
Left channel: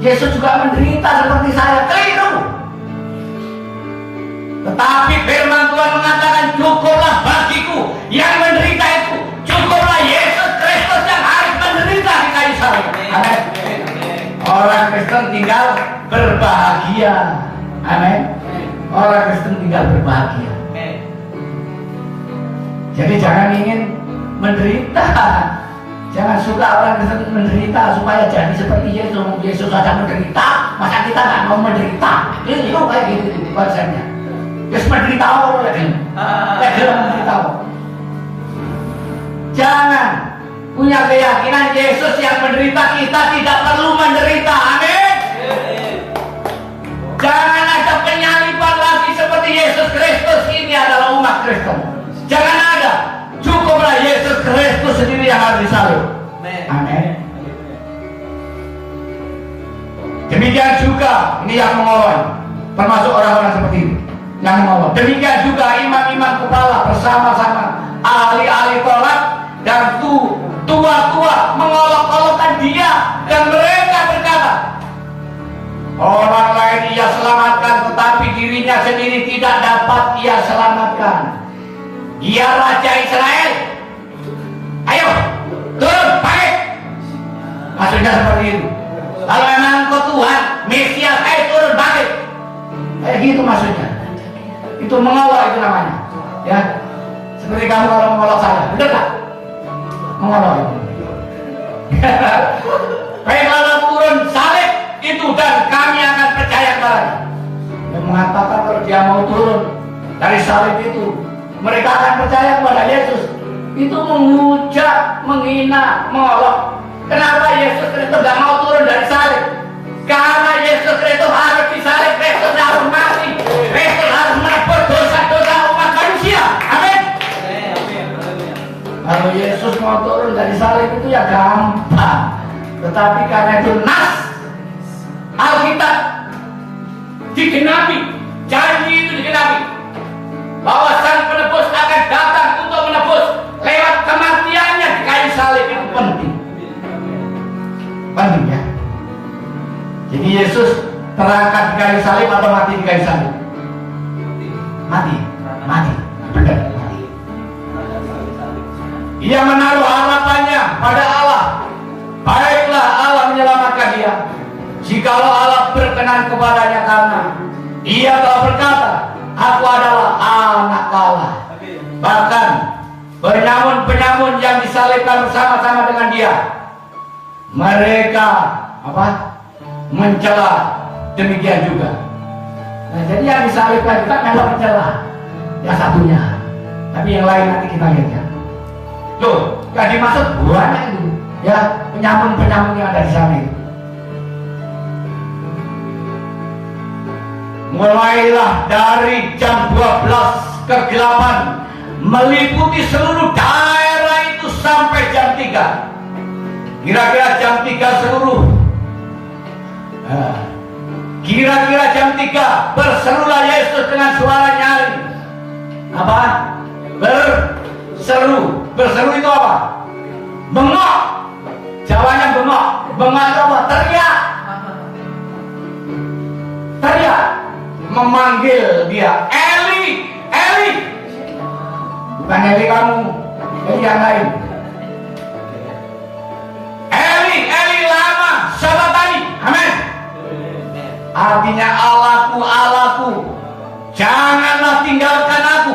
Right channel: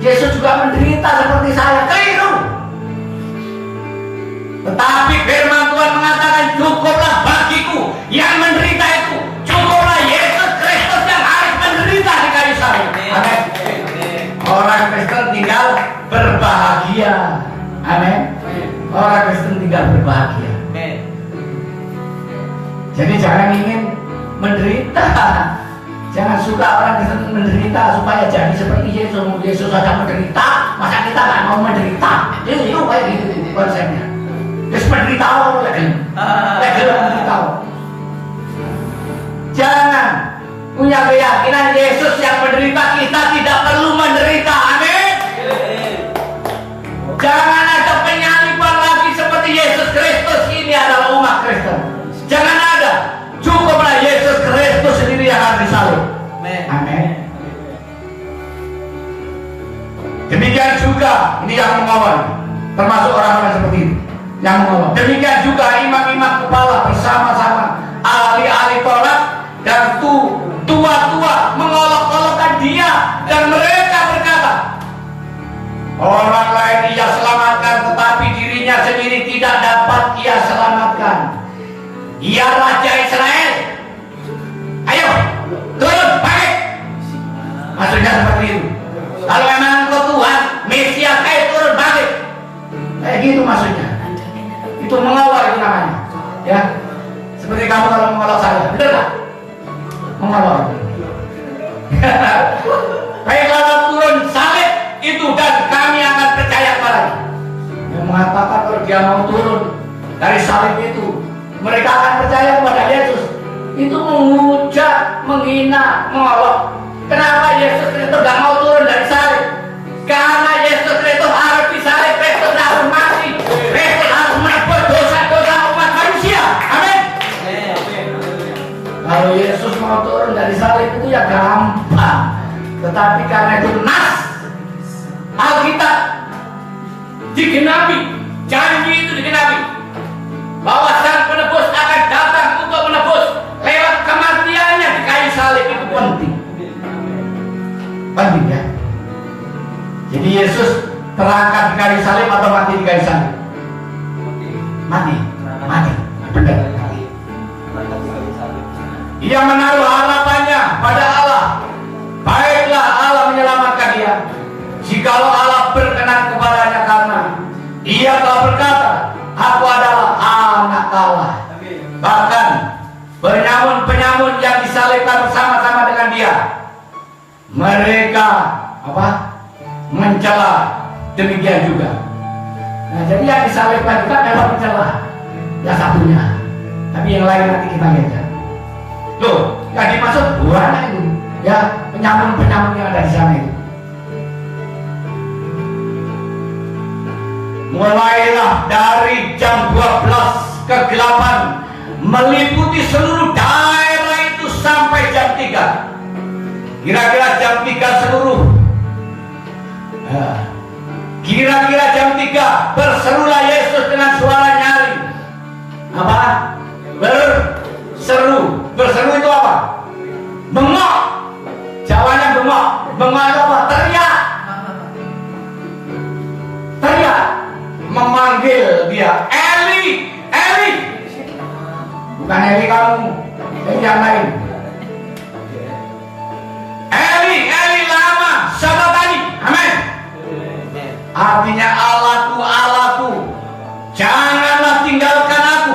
Yesus juga menderita seperti saya. Keliru. Tetapi firman Tuhan mengatakan cukuplah bagiku yang menderita itu. Cukuplah Yesus Kristus yang harus menderita di kayu salib. Amin. Orang Kristen tinggal berbahagia. Amin. Orang Kristen tinggal berbahagia. Jadi jangan ingin menderita. Jangan suka orang Kristen menderita supaya jadi seperti Yesus. Yesus saja menderita, masa kita nggak mau menderita? Itu kayak gitu konsepnya. Yesus menderita lagi menderita. Jangan punya keyakinan Yesus yang menderita, kita tidak perlu menderita. Amin. Jangan ada penyaliban lagi seperti Yesus Kristus. Ini adalah umat Kristen. Jangan ada. Cukuplah Yesus Kristus sendiri yang harus disalib. Amin. Demikian juga ini yang mengawal, termasuk orang-orang seperti itu yang mengawal. Demikian juga imam-imam kepala bersama-sama ahli-ahli Taurat dan tua-tua mengolok-olokkan dia, dan mereka berkata, orang lain ia selamatkan, tetapi dirinya sendiri tidak dapat ia selamatkan. Ia Raja Israel. Ayo turun balik. Maksudnya seperti itu. Kalau memang engkau Tuhan Mesias, ayo turun balik. Kayak gitu maksudnya. Itu mengolok itu namanya. Ya, seperti kamu kalau mengolok saya, benar tak? Mengolok itu. Baik, kalau turun salib itu dan kami akan percaya kepadanya. Yang mengatakan kalau dia mau turun dari salib itu, mereka akan percaya kepada Yesus. Itu menghujat, menghina, mengolok. Kenapa Yesus Kristus gak mau turun dari salib? Karena Yesus Kristus harus disalib, Kristus harus mati, Kristus harus menebus dosa-dosa umat manusia. Amin. Kalau Yesus mau turun dari salib itu ya gampang. Tetapi karena itu nas Alkitab digenapi, janji itu digenapi, bahwa Sang Penebus akan datang untuk menebus lewat kematiannya di kayu salib. Itu penting. Penting ya. Jadi Yesus terangkat di kayu salib atau mati di kayu salib? Mati. Benar. Ia menaruh harapannya pada Allah. Baiklah Allah menyelamatkan dia, jikalau Allah berkenan kepadanya, karena dia telah berkata, aku adalah anak Allah. Bahkan penyamun-penyamun yang disalibkan bersama-sama dengan dia, mereka mencela demikian juga. Nah, jadi yang disalibkan kita memang mencela yang satunya, tapi yang lain nanti kita lihat ya. Tuh, yang dimaksud banyak itu ya, penyamun-penyamun yang ada di sana itu. Mulailah dari jam 12 kegelapan meliputi seluruh daerah itu sampai jam 3. Kira-kira jam 3 seluruh. Kira-kira jam 3 berserulah Yesus dengan suara nyaring. Apa? Berseru. Berseru itu apa? Bengok. Jawanya bengok. Bengok itu apa? Teriak. Teriak. Memanggil dia, Eli, Eli. Bukan Eli kamu, Eli yang lain. Eli, Eli lama sabachthani. Amin. Artinya Allahku, Allahku, janganlah tinggalkan aku.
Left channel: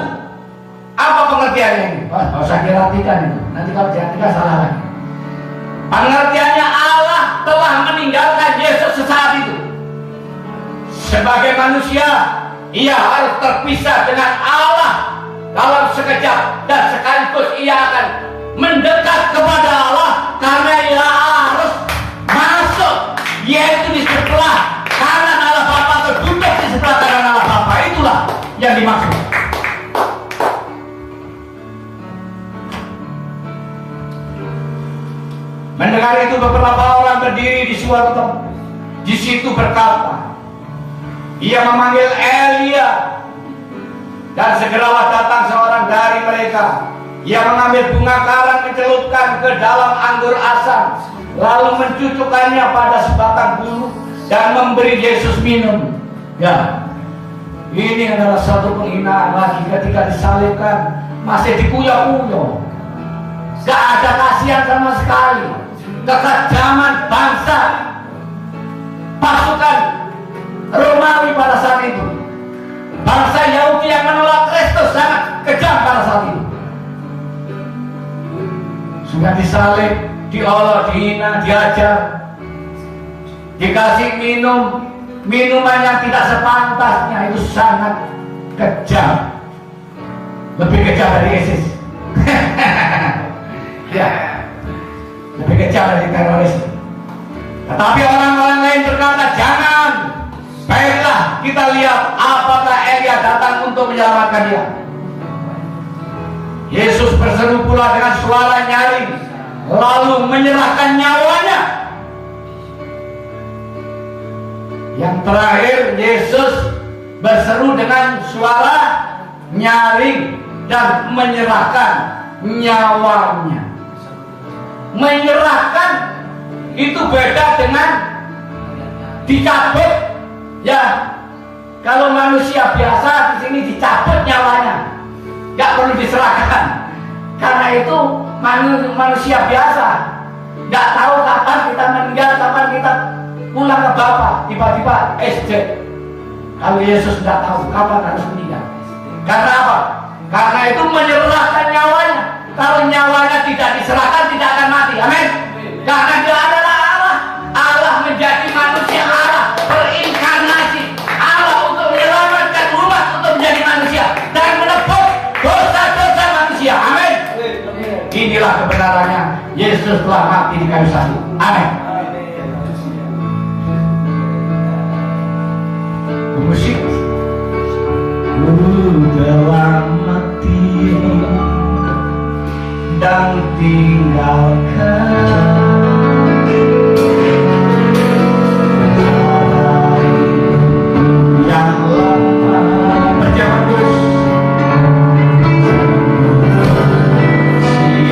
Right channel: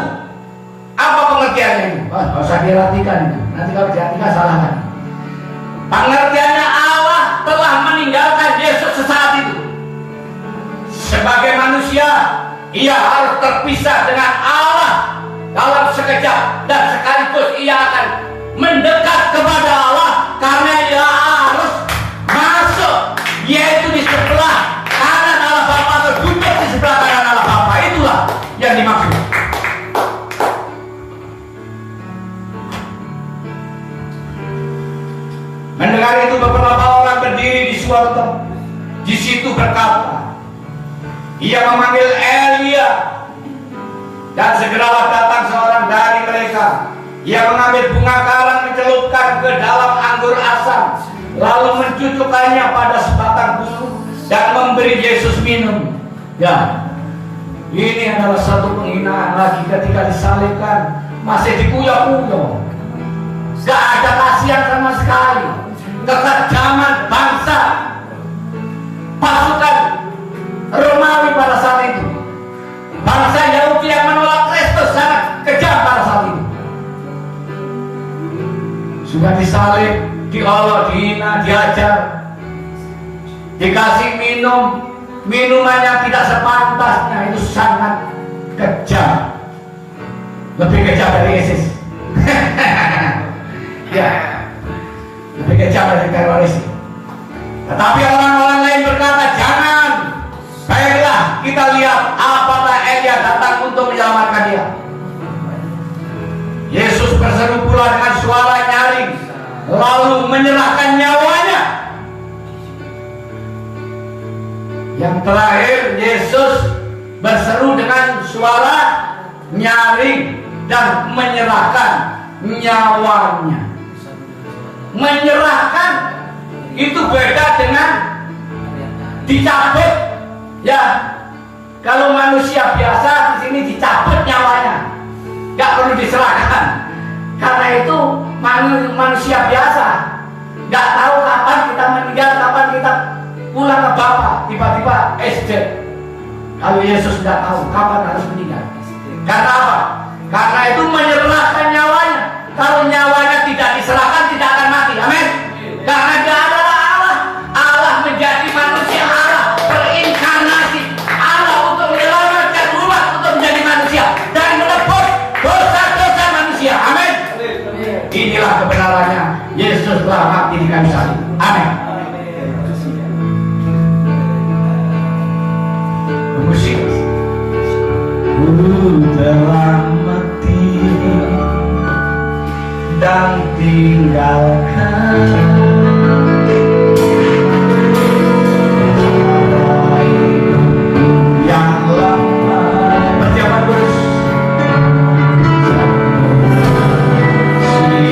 Apa pengertiannya ini? Nggak usah diartikan itu. Nanti kalau diartikan salah lagi. Pengertiannya Allah telah meninggalkan Yesus sesaat itu. Sebagai manusia, ia harus terpisah dengan Allah dalam sekejap, dan sekaligus ia akan mendekat kepada Allah karena ia harus masuk, yaitu di sebelah kanan Allah Bapa, atau duduk di sebelah kanan Allah Bapa. Itulah yang dimaksud. Mendengar itu beberapa orang berdiri di suatu tempat, di situ berkata, ia memanggil Elia, dan segeralah datang seorang dari mereka. Ia mengambil bunga karang, mencelupkan ke dalam anggur asam, lalu mencucukkannya pada sebatang bulu dan memberi Yesus minum. Ya, ini adalah satu penghinaan lagi ketika disalibkan, masih dikuyo-kuyo. Gak ada kasihan sama sekali. Kekejaman bangsa pasukan Romawi pada saat itu, bangsa Yahudi yang menolak Kristus sangat kejam pada saat itu. sudah disalib, diolok, dihina, diajar, dikasih minuman yang tidak sepantasnya. Itu sangat kejam, lebih kejam dari ISIS. Ya, lebih kejam dari teroris. Tetapi orang-orang lain berkata, jangan, baiklah kita lihat apakah Elia datang untuk menyelamatkan dia. Yesus berseru pula dengan suara nyaring, lalu menyerahkan nyawanya. Yang terakhir, Yesus berseru dengan suara nyaring dan menyerahkan nyawanya. Menyerahkan itu beda dengan dicabut. Ya, kalau manusia biasa di sini dicabut nyawanya, nggak perlu diserahkan. Karena itu manusia biasa, nggak tahu kapan kita meninggal, kapan kita pulang ke Bapa. Tiba-tiba SD. Kalau Yesus nggak tahu kapan harus meninggal. Karena apa? Karena itu menyerahkan nyawanya. Kalau nyawanya tidak diserahkan, tidak akan mati. Amin. Karena dia adalah Allah. Allah menjadi manusia, Allah berinkarnasi, Allah untuk menyelamatkan umat, untuk menjadi manusia dan menebus dosa-dosa manusia. Amin. Inilah kebenarannya. Yesus telah mati di kayu salib. Amin. Musik. Telah mati dan tinggalkan yang lama. Berjalan terus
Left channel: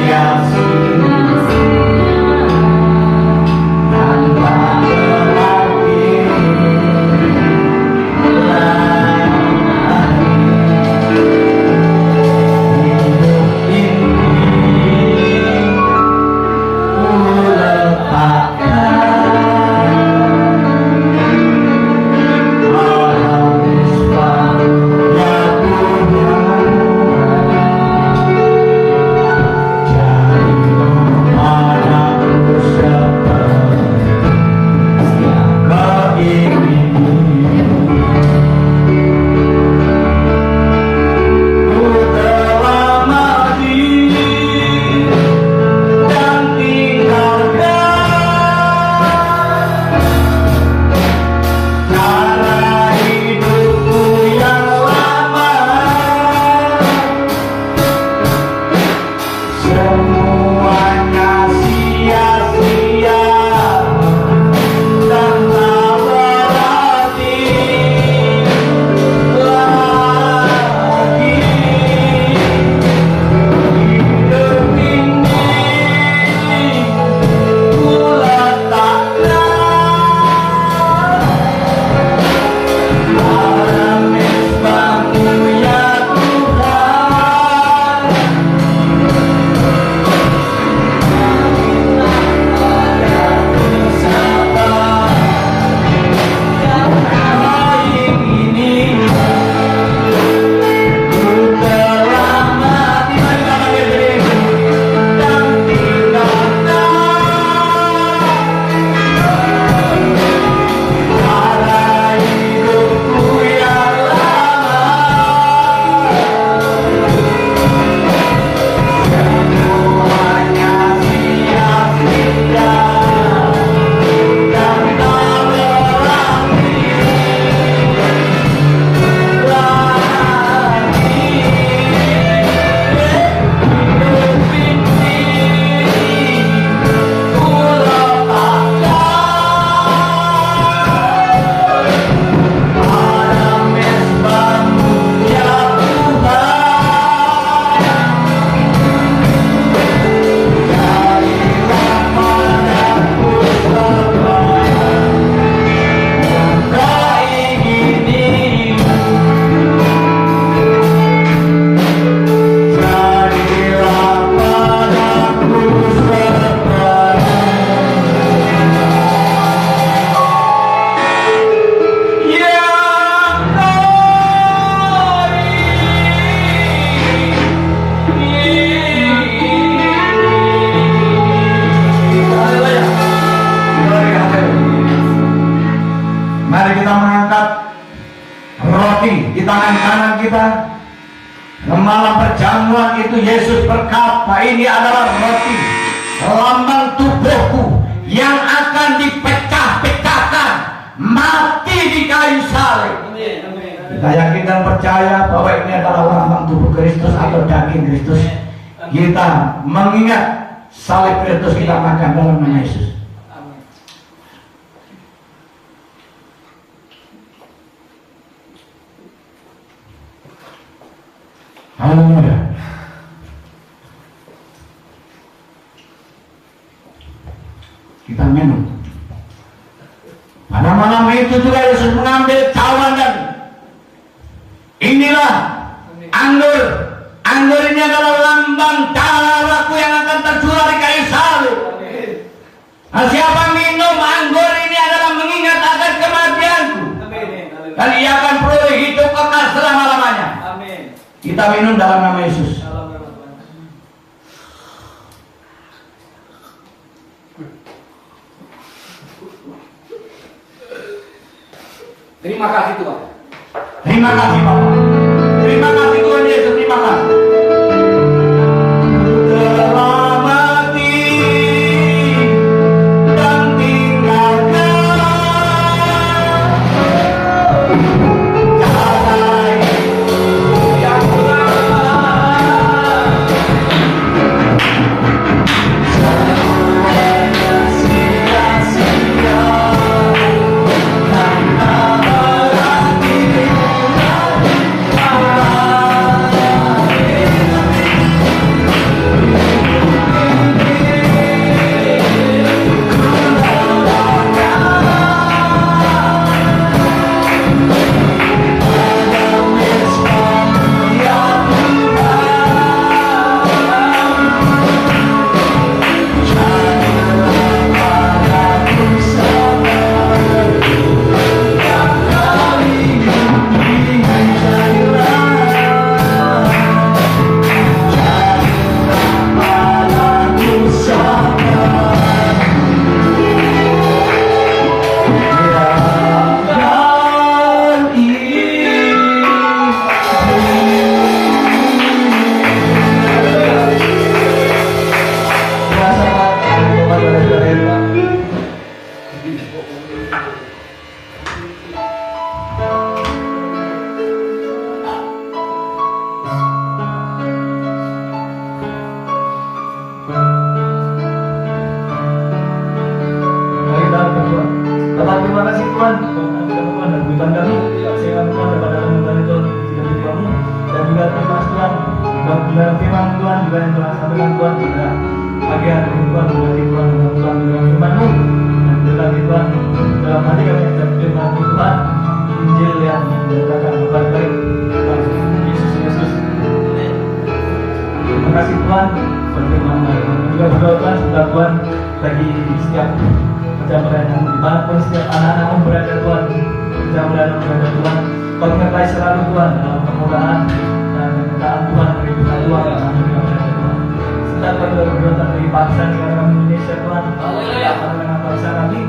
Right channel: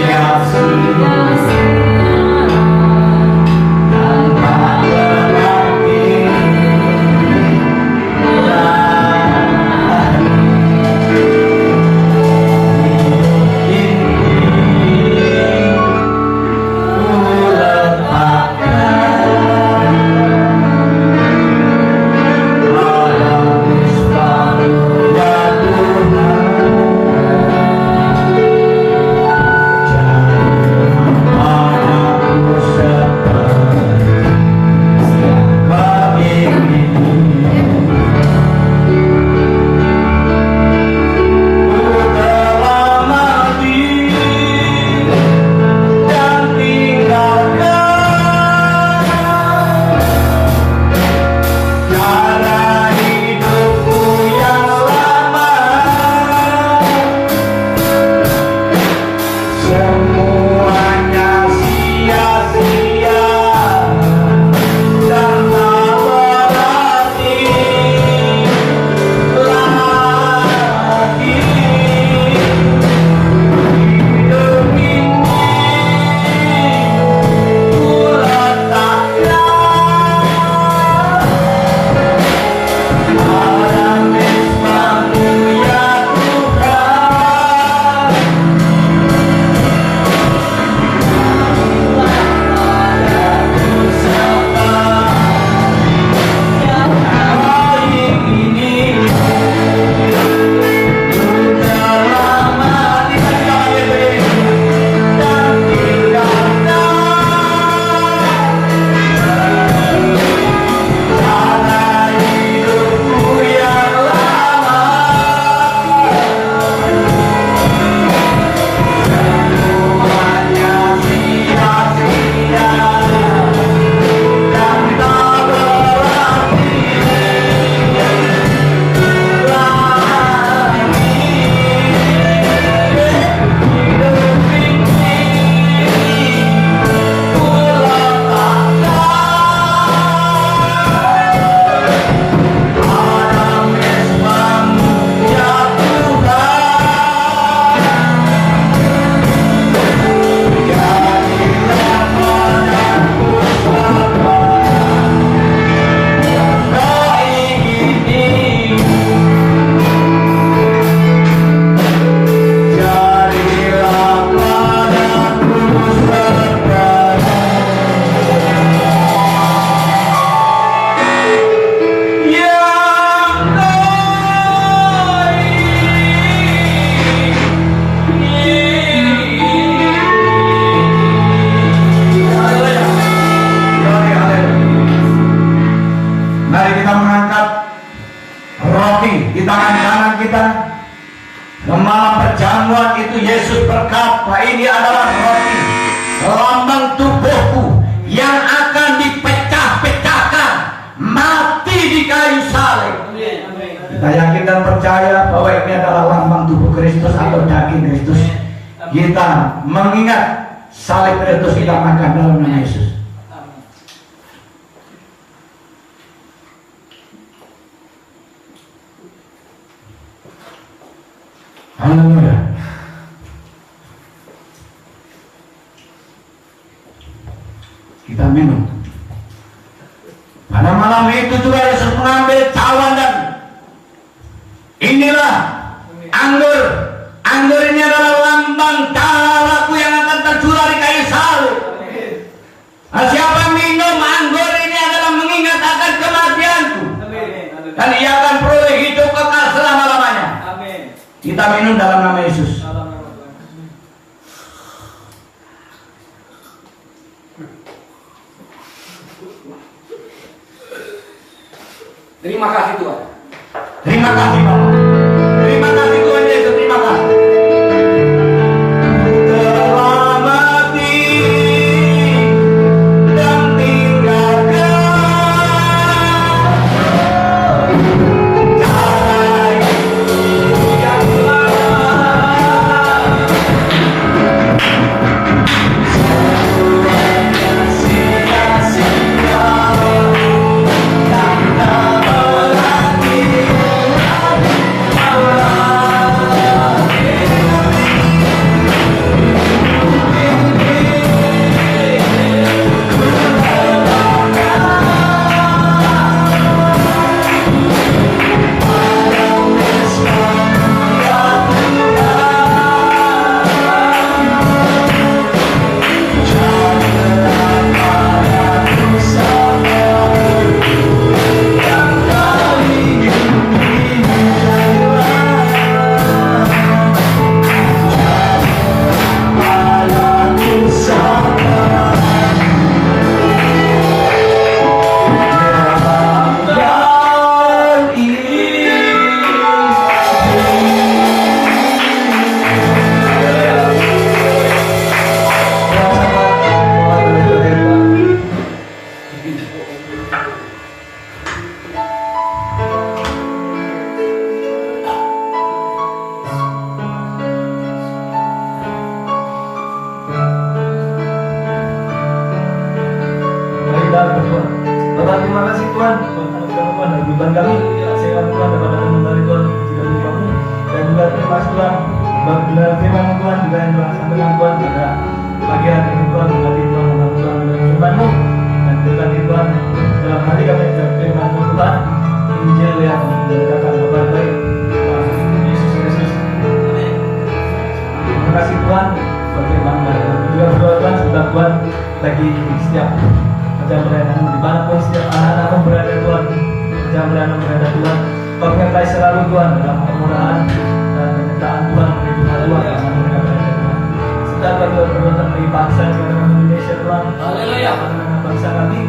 sia-sia. kita. Malam perjamuan itu Yesus berkata, ini adalah roti lambang tubuhku yang akan dipecah-pecahkan, mati di kayu salib. Kita yakin dan percaya bahwa ini adalah lambang tubuh Kristus atau daging Kristus. Kita mengingat salib Kristus, kita makan dalam nama Yesus. Haleluya. Kita minum. Pada malam itu juga Yesus mengambil cawan dan inilah anggur. Anggur ini adalah lambang darahku yang akan tercurah di kayu salib. Nah, siapa minum anggur ini adalah mengingat akan kematianku, dan ia akan peroleh hidup kekal selama-lamanya. Kita minum dalam nama Yesus. Terima kasih Tuhan. Terima kasih Bapak. Terima kasih Tuhan Yesus. Terima kasih. Telah mati dan tinggalkan jalan yang lama. Semuanya sia-sia tanpa berarti. Bapak, terima kasih Tuhan Tuhan dan berikan kami sehat Tuhan daripada dari Tuhan tidak lupamu, dan juga terima kasih Tuhan bila firman Tuhan juga yang telah sampaikan Tuhan pada pagi hari ini Tuhan. Berkati Tuhan dengan Tuhan dengan firman-Mu, dan berkati Tuhan dalam hati kami ucap firman-Mu Tuhan, Injil yang mengatakan kabar baik tentang Yesus Kristus. Terima kasih Tuhan bagaimana juga berdoa Tuhan setelah Tuhan bagi setiap macam pelayanan dimanapun setiap anak-anak berada Tuhan, macam pelayanan berada Tuhan, Kau menyertai selalu Tuhan dalam kemurahan dan kecintaan Tuhan dari kita Tuhan yang sampai dengan berada Tuhan. Serta bagi perbuatan dari bangsa negara kami Indonesia Tuhan, dengan bangsa kami,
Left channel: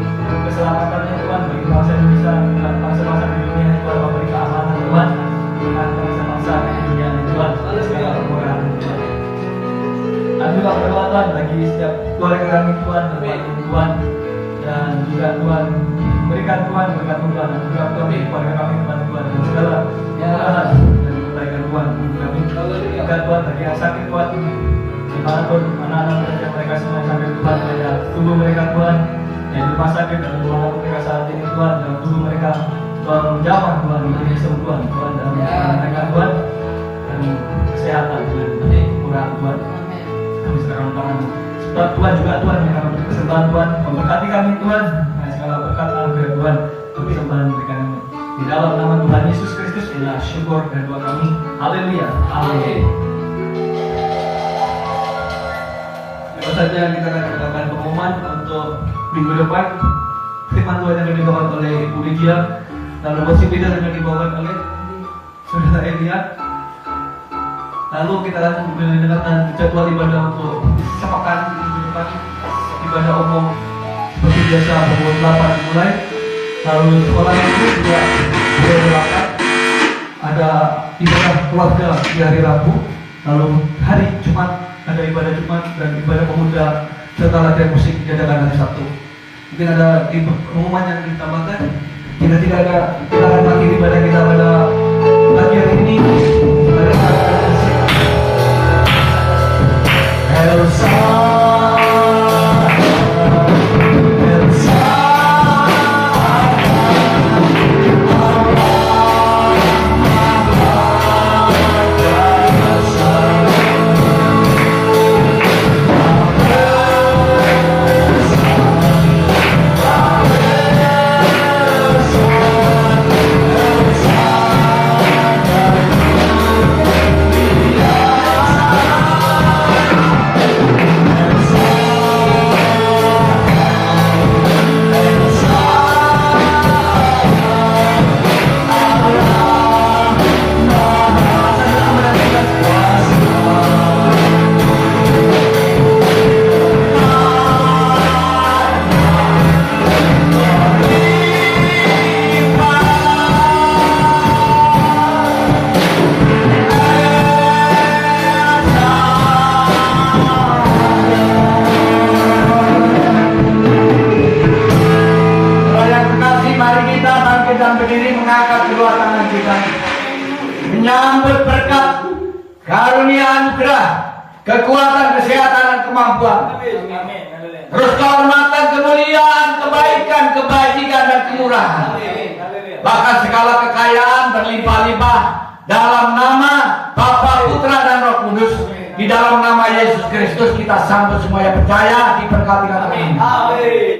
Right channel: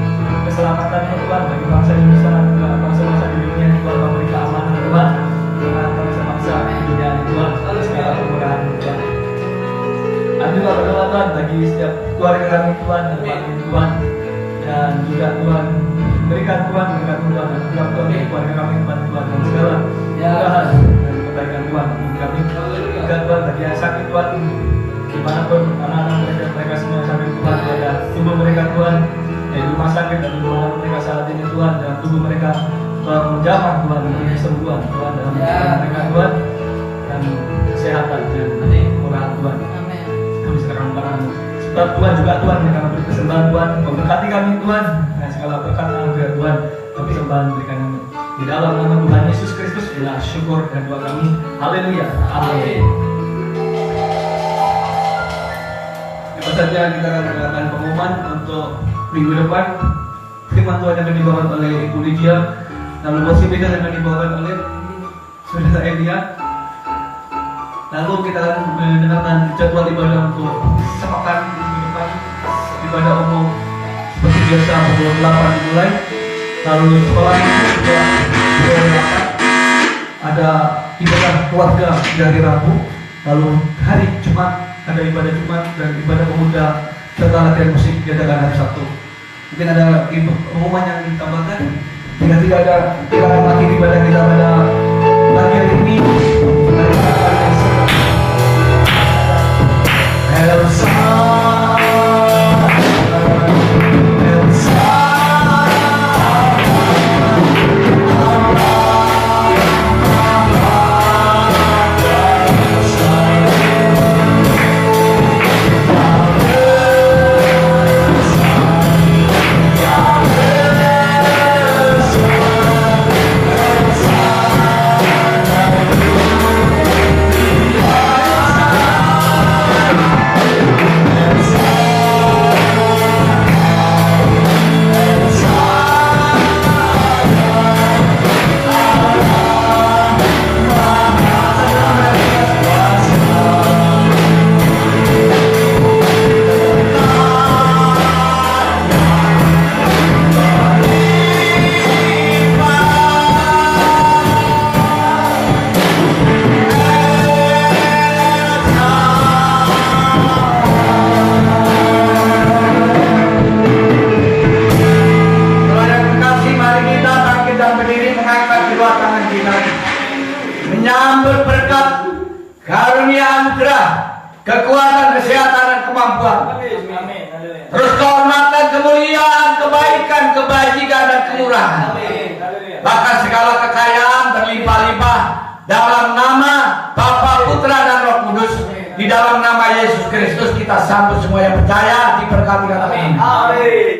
keselamatannya Tuhan bagi bangsa Indonesia, bangsa-bangsa di dunia Tuhan, memberi keamanan Tuhan dengan bangsa-bangsa di dunia ini Tuhan, segala kemurahan Tuhan. Dan juga berdoa Tuhan bagi setiap keluarga kami Tuhan, Tuhan, dan juga Tuhan berikan Tuhan Tuhan dan juga Tuhan keluarga kami Tuhan dan segala kemurahan dan kebaikan Tuhan kami. Juga Tuhan bagi yang sakit Tuhan dimanapun anak-anak mereka semua yang sakit Tuhan, pada tubuh mereka Tuhan yang di rumah sakit dan ruangan mereka saat ini Tuhan, dan tubuh mereka Tuhan menjamah Tuhan dengan kesembuhan Tuhan dalam mereka Tuhan, dan kesehatan dan kemurahan Tuhan. Kami serahkan tangan-Mu. Sebab Tuhan juga Tuhan yang akan beri persembahan Tuhan, memberkati kami Tuhan, dan segala berkat anugerah Tuhan, persembahan berikan di dalam nama Tuhan Yesus Kristus. Inilah syukur dan doa kami. Haleluya. Amin. Tentu saja kita akan melakukan pengumuman untuk minggu depan. Firman Tuhan yang akan dibawakan oleh Ibu Lydia, dan lepas itu yang akan dibawakan oleh Saudara Elia. Lalu kita akan mendengarkan jadwal ibadah untuk sepekan minggu depan. Ibadah umum seperti biasa pukul 8 dimulai. Lalu sekolah itu juga pukul 8. Ada ibadah keluarga di hari Rabu, lalu hari Jumat ada ibadah Jumat dan ibadah pemuda serta latihan musik diadakan hari Sabtu. Mungkin ada pengumuman yang ditambahkan. Jika tidak ada, kita mengakhiri ibadah kita pada pagi hari ini. Elsa, Elsa, menyambut berkat karunia anugerah, kekuatan, kesehatan dan kemampuan. Terus kehormatan, kemuliaan, kebaikan, kebajikan dan kemurahan. Bahkan segala kekayaan berlimpah-limpah dalam nama Bapa, Putra dan Roh Kudus. Di dalam nama Yesus Kristus kita sambut semua yang percaya diberkati. Amin.